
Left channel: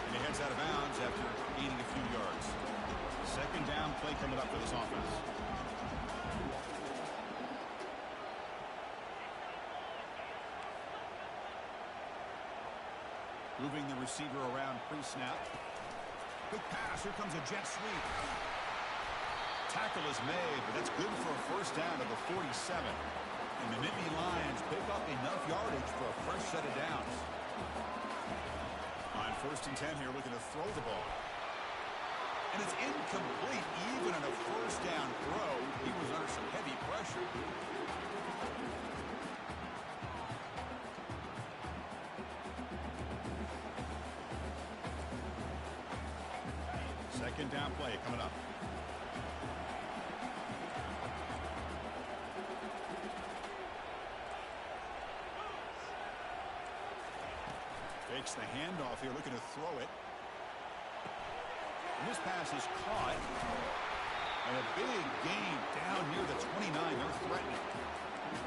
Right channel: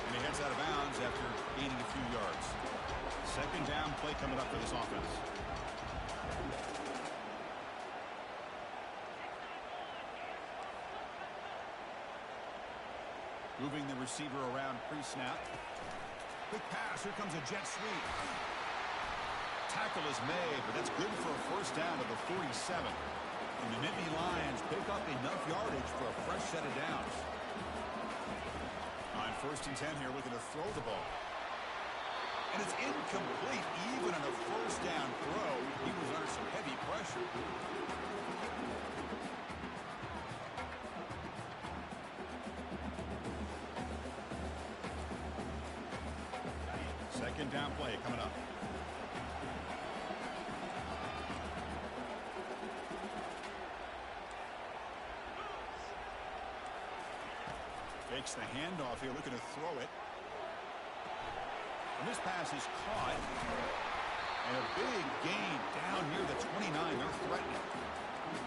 And he heads out of bounds after gaining a few yards. Second down play coming up for this offense. Moving the receiver around pre-snap. Quick pass. Here comes a jet sweep. Tackle is made, but that's good for a first down to the 47. And the Nittany Lions pick up enough yardage for a fresh set of downs. On first and 10 here, looking to throw the ball. And it's incomplete. Even on a first down throw, he was under some heavy pressure. Second down play coming up. Fakes the handoff here, looking to throw it. And this pass is caught. And a big gain down near the 29. They're threatening.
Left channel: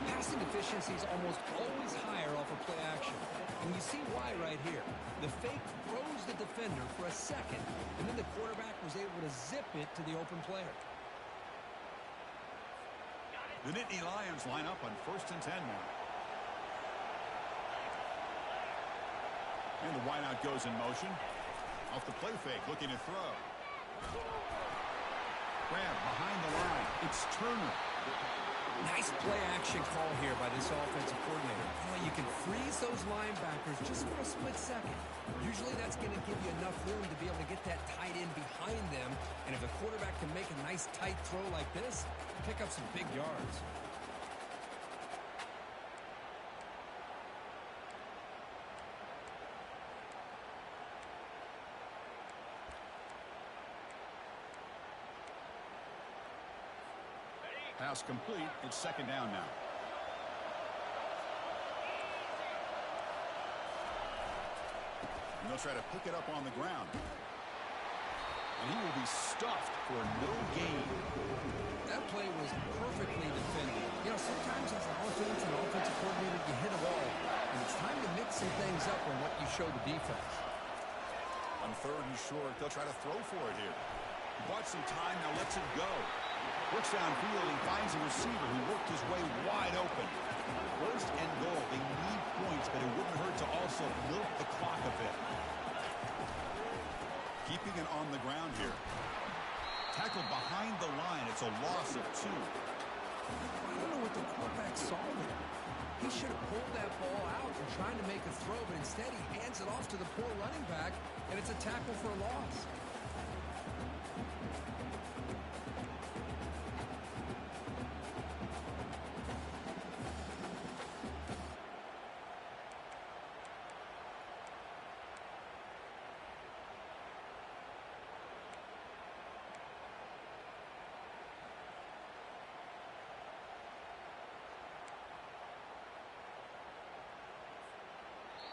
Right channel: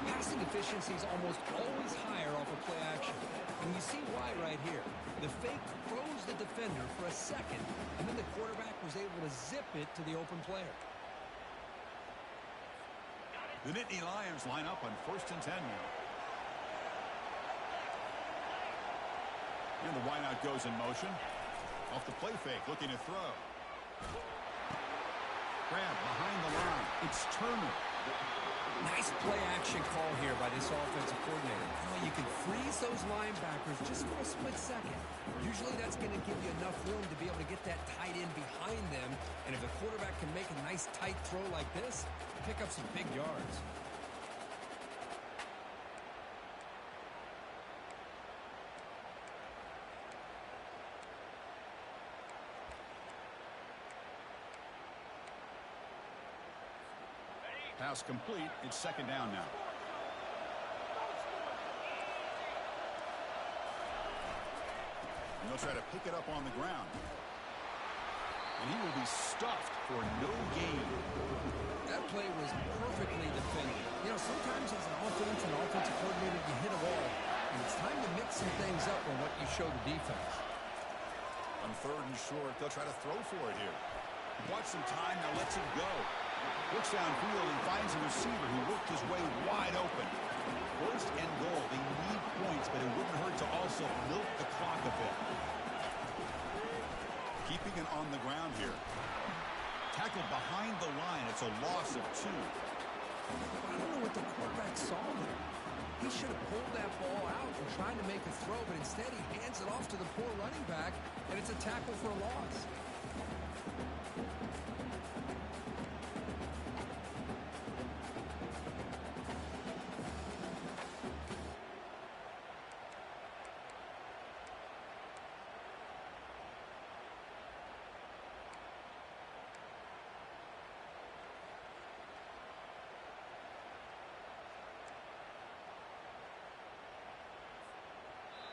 Passing efficiency is almost always higher off of play action. And you see why right here. The fake froze the defender for a second, and then the quarterback was able to zip it to the open player. The Nittany Lions line up on first and 10 now. And the wideout goes in motion. Off the play fake, looking to throw. Grab behind the line. It's Turner. Nice play action call here by this offensive coordinator. You can freeze those linebackers just for a split second. Usually that's going to give you enough room to be able to get that tight end behind them. And if the quarterback can make a nice tight throw like this, pick up some big yards. Pass complete. It's second down now. And they'll try to pick it up on the ground. And he will be stuffed for no gain. That play was perfectly defended. Sometimes as an offense and offensive coordinator, you hit a wall. And it's time to mix some things up on what you show the defense. On third and short, they'll try to throw for it here. He bought some time, now lets it go. Works downfield and finds a receiver who worked his way wide open. First and goal. They need points, but it wouldn't hurt to also milk the clock a bit. Keeping it on the ground here. Tackled behind the line. It's a loss of 2. I don't know what the quarterback saw there. He should have pulled that ball out and tried to make a throw, but instead he hands it off to the poor running back, and it's a tackle for a loss.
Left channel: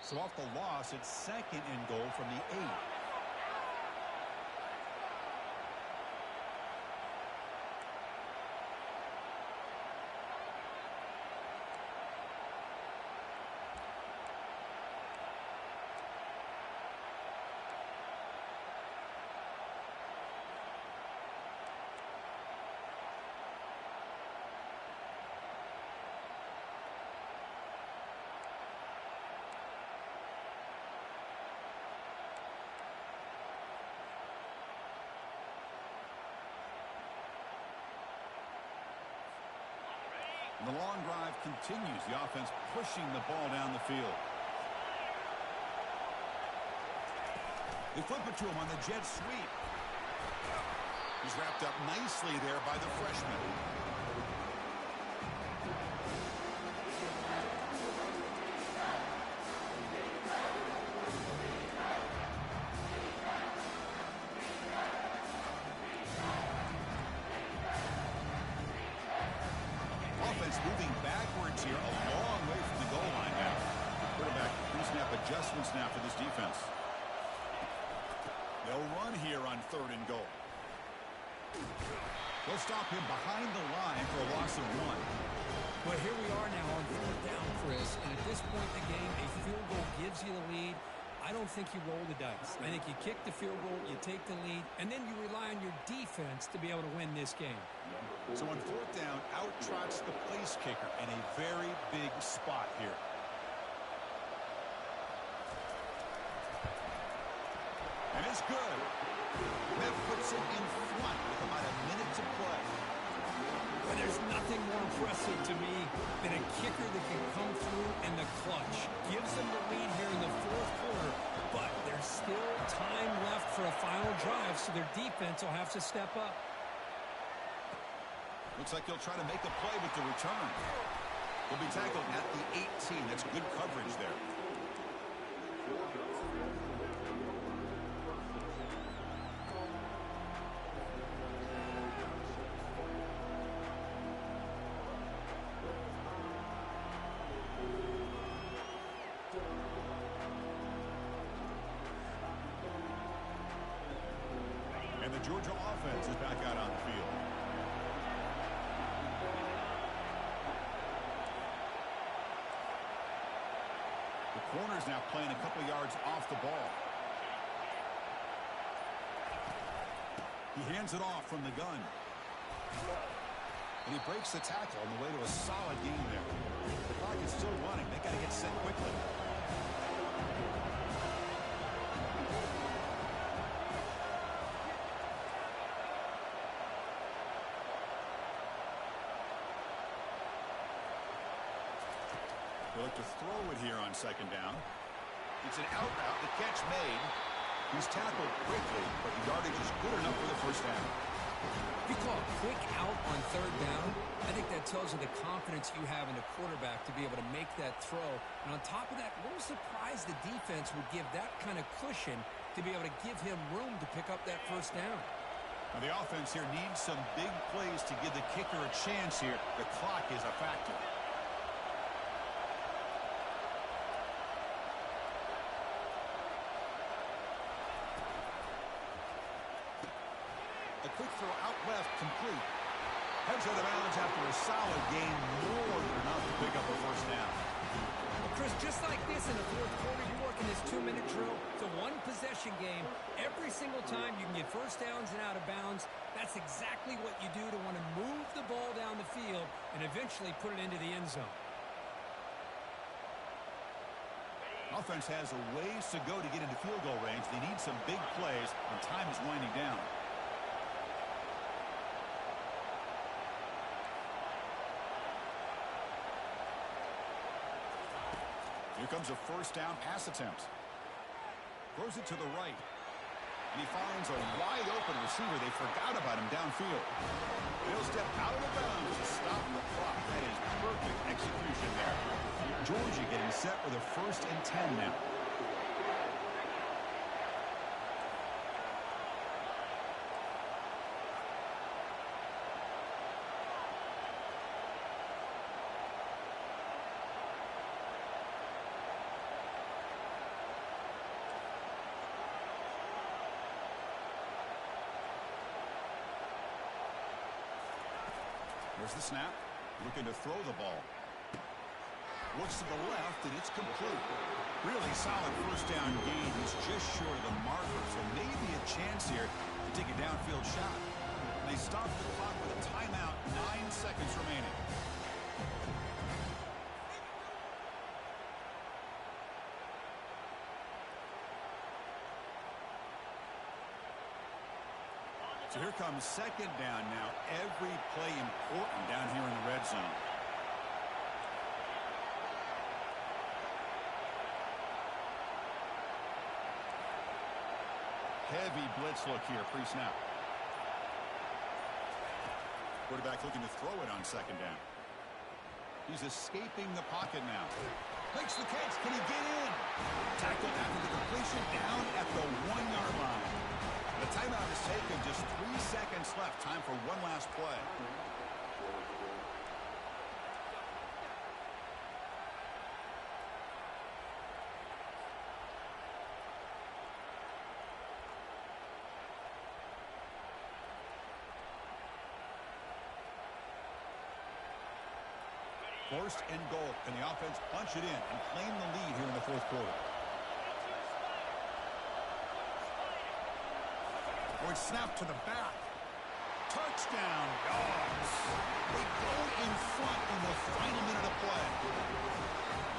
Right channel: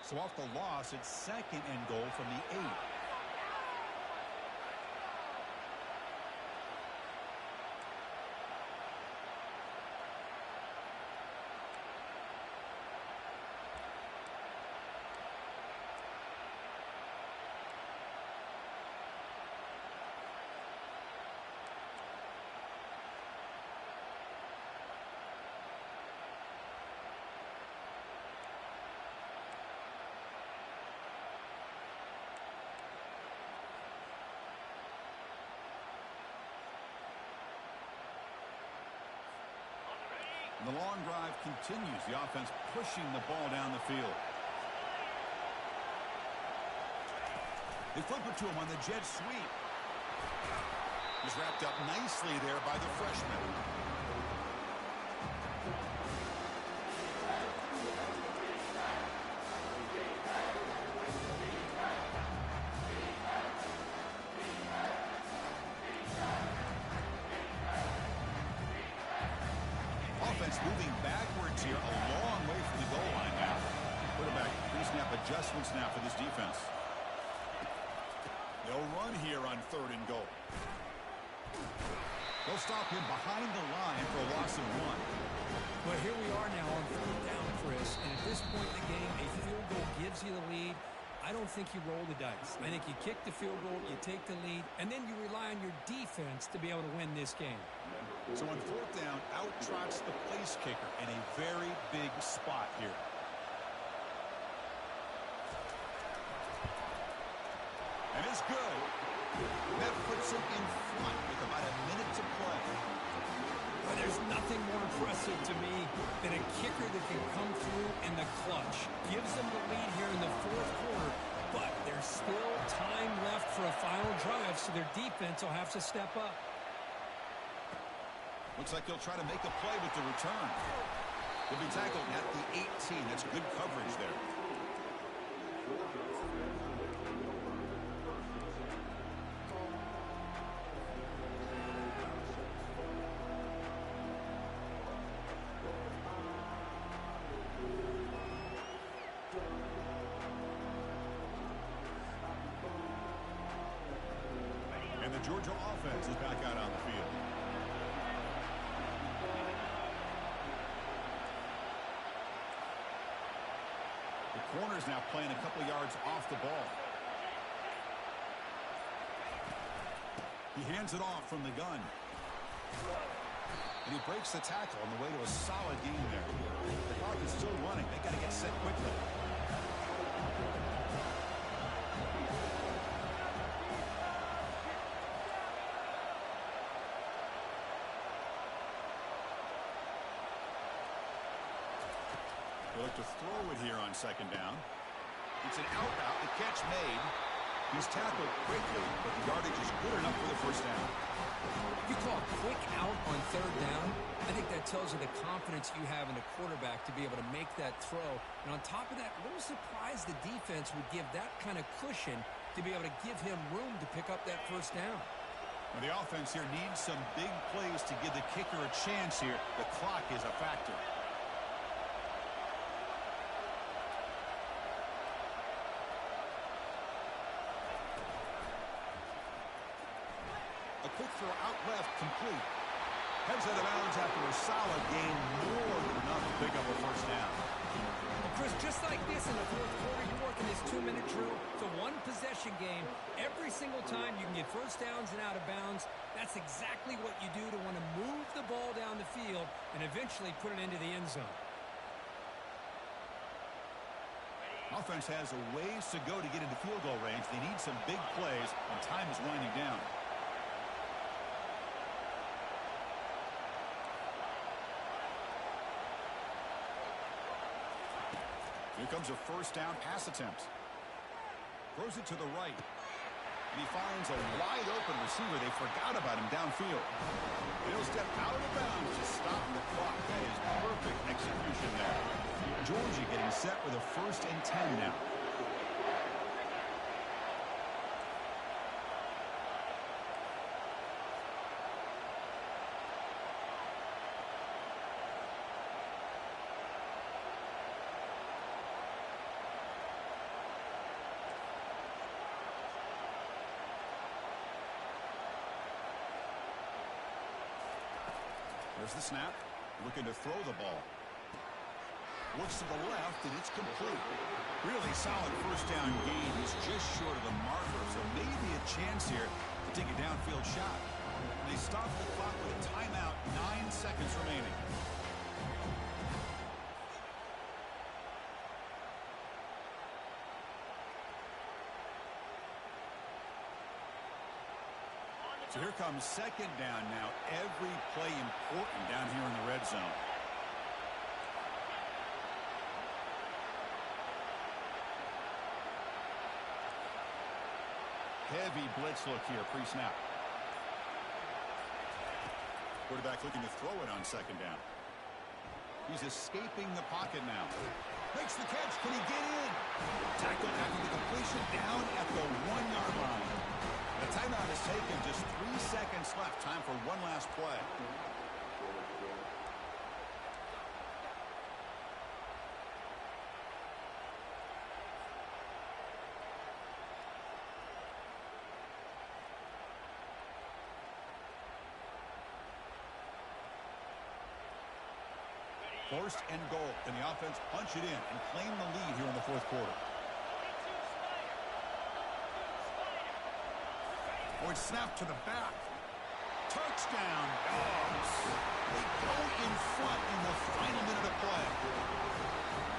So off the loss, it's 2nd and goal from the 8. And the long drive continues. The offense pushing the ball down the field. They flip it to him on the jet sweep. He's wrapped up nicely there by the freshman. Offense moving backwards here, a long way from the goal line now. Quarterback pre-snap adjustments now for this defense. They'll run here on 3rd and goal. They'll stop him behind the line for a loss of 1. Well, here we are now on 4th down, Chris, and at this point in the game, a field goal gives you the lead. I don't think you roll the dice. I think you kick the field goal, you take the lead, and then you rely on your defense to be able to win this game. So on 4th down, out trots the place kicker in a very big spot here. And it's good. That puts it in front with about a minute to play. Well, there's nothing more impressive to me than a kicker that can come through in the clutch. Gives them the lead here in the 4th quarter, but there's still time left for a final drive, so their defense will have to step up. Looks like he'll try to make a play with the return. He'll be tackled at the 18. That's good coverage there. And the Georgia offense is back out on the field. The corner's now playing a couple yards off the ball. He hands it off from the gun. And he breaks the tackle on the way to a solid gain there. The clock is still running. They got to get set quickly. They look to throw it here on 2nd down. It's an out route. The catch made. He's tackled quickly, but the yardage is good enough for the 1st down. If you call a quick out on 3rd down, I think that tells you the confidence you have in the quarterback to be able to make that throw. And on top of that, a little surprised the defense would give that kind of cushion to be able to give him room to pick up that 1st down. Now the offense here needs some big plays to give the kicker a chance here. The clock is a factor. A quick throw out left, complete. Heads out of bounds after a solid gain, more than enough to pick up a 1st down. Well, Chris, just like this in the 4th quarter, you're working this 2-minute drill. It's a one-possession game. Every single time you can get 1st downs and out of bounds, that's exactly what you do to want to move the ball down the field and eventually put it into the end zone. Offense has a ways to go to get into field goal range. They need some big plays, and time is winding down. Here comes a 1st down pass attempt. Throws it to the right. And he finds a wide-open receiver. They forgot about him downfield. He'll step out of bounds to stop the clock. That is perfect execution there. Georgia getting set with a 1st and 10 now. There's the snap. Looking to throw the ball. Looks to the left, and it's complete. Really solid 1st down gain. He's just short of the marker, so maybe a chance here to take a downfield shot. They stop the clock with a timeout. 9 seconds remaining. So here comes 2nd down now. Every play important down here in the red zone. Heavy blitz look here pre-snap. Quarterback looking to throw it on 2nd down. He's escaping the pocket now. Makes the catch. Can he get in? Tackled after the completion down at the 1-yard line. The timeout is taken. Just 3 seconds left. Time for one last play. First and goal. Can the offense punch it in and claim the lead here in the 4th quarter? Oh, it's snapped to the back. Touchdown, Dogs. They go in front in the final minute of play.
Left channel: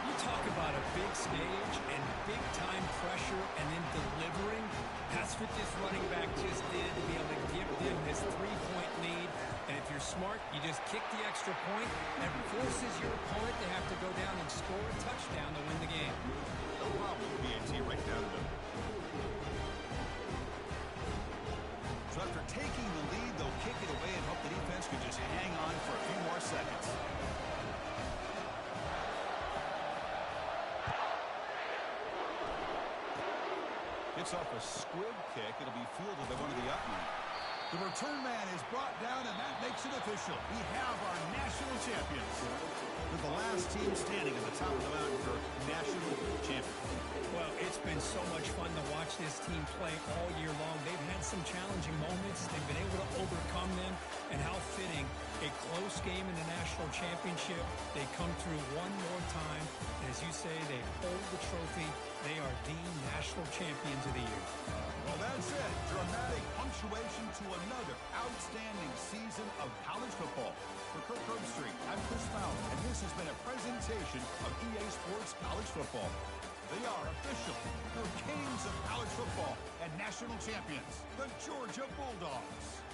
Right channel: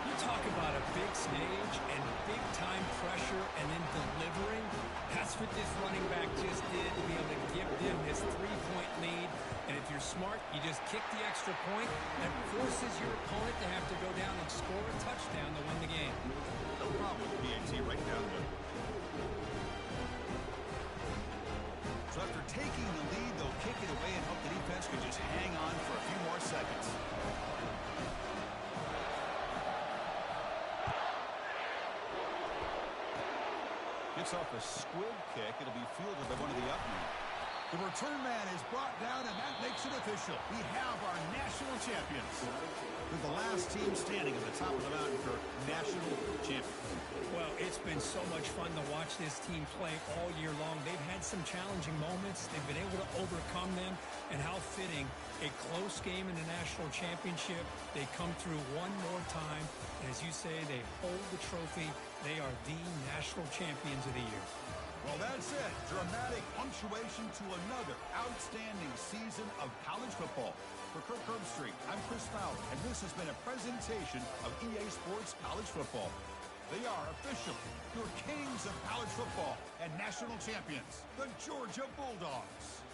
You talk about a big stage and big-time pressure and then delivering. That's what this running back just did to be able to give them this 3-point lead. And if you're smart, you just kick the extra point. That forces your opponent to have to go down and score a touchdown to win the game. No problem with the BAT right down the middle. So after taking the lead, they'll kick it away and hope the defense can just hang on for a few more seconds. Gets off a squib kick. It'll be fielded by one of the up men. The return man is brought down, and that makes it official. We have our national champions. They're the last team standing at the top of the mountain for national champions. Well, it's been so much fun to watch this team play all year long. They've had some challenging moments. They've been able to overcome them. And how fitting, a close game in the national championship. They come through one more time. And as you say, they hold the trophy. They are the national champions of the year. Well, that's it. Dramatic punctuation to another outstanding season of college football. For Kirk Herbstreit, I'm Chris Fowler, and this has been a presentation of EA Sports College Football. They are officially your kings of college football and national champions, the Georgia Bulldogs.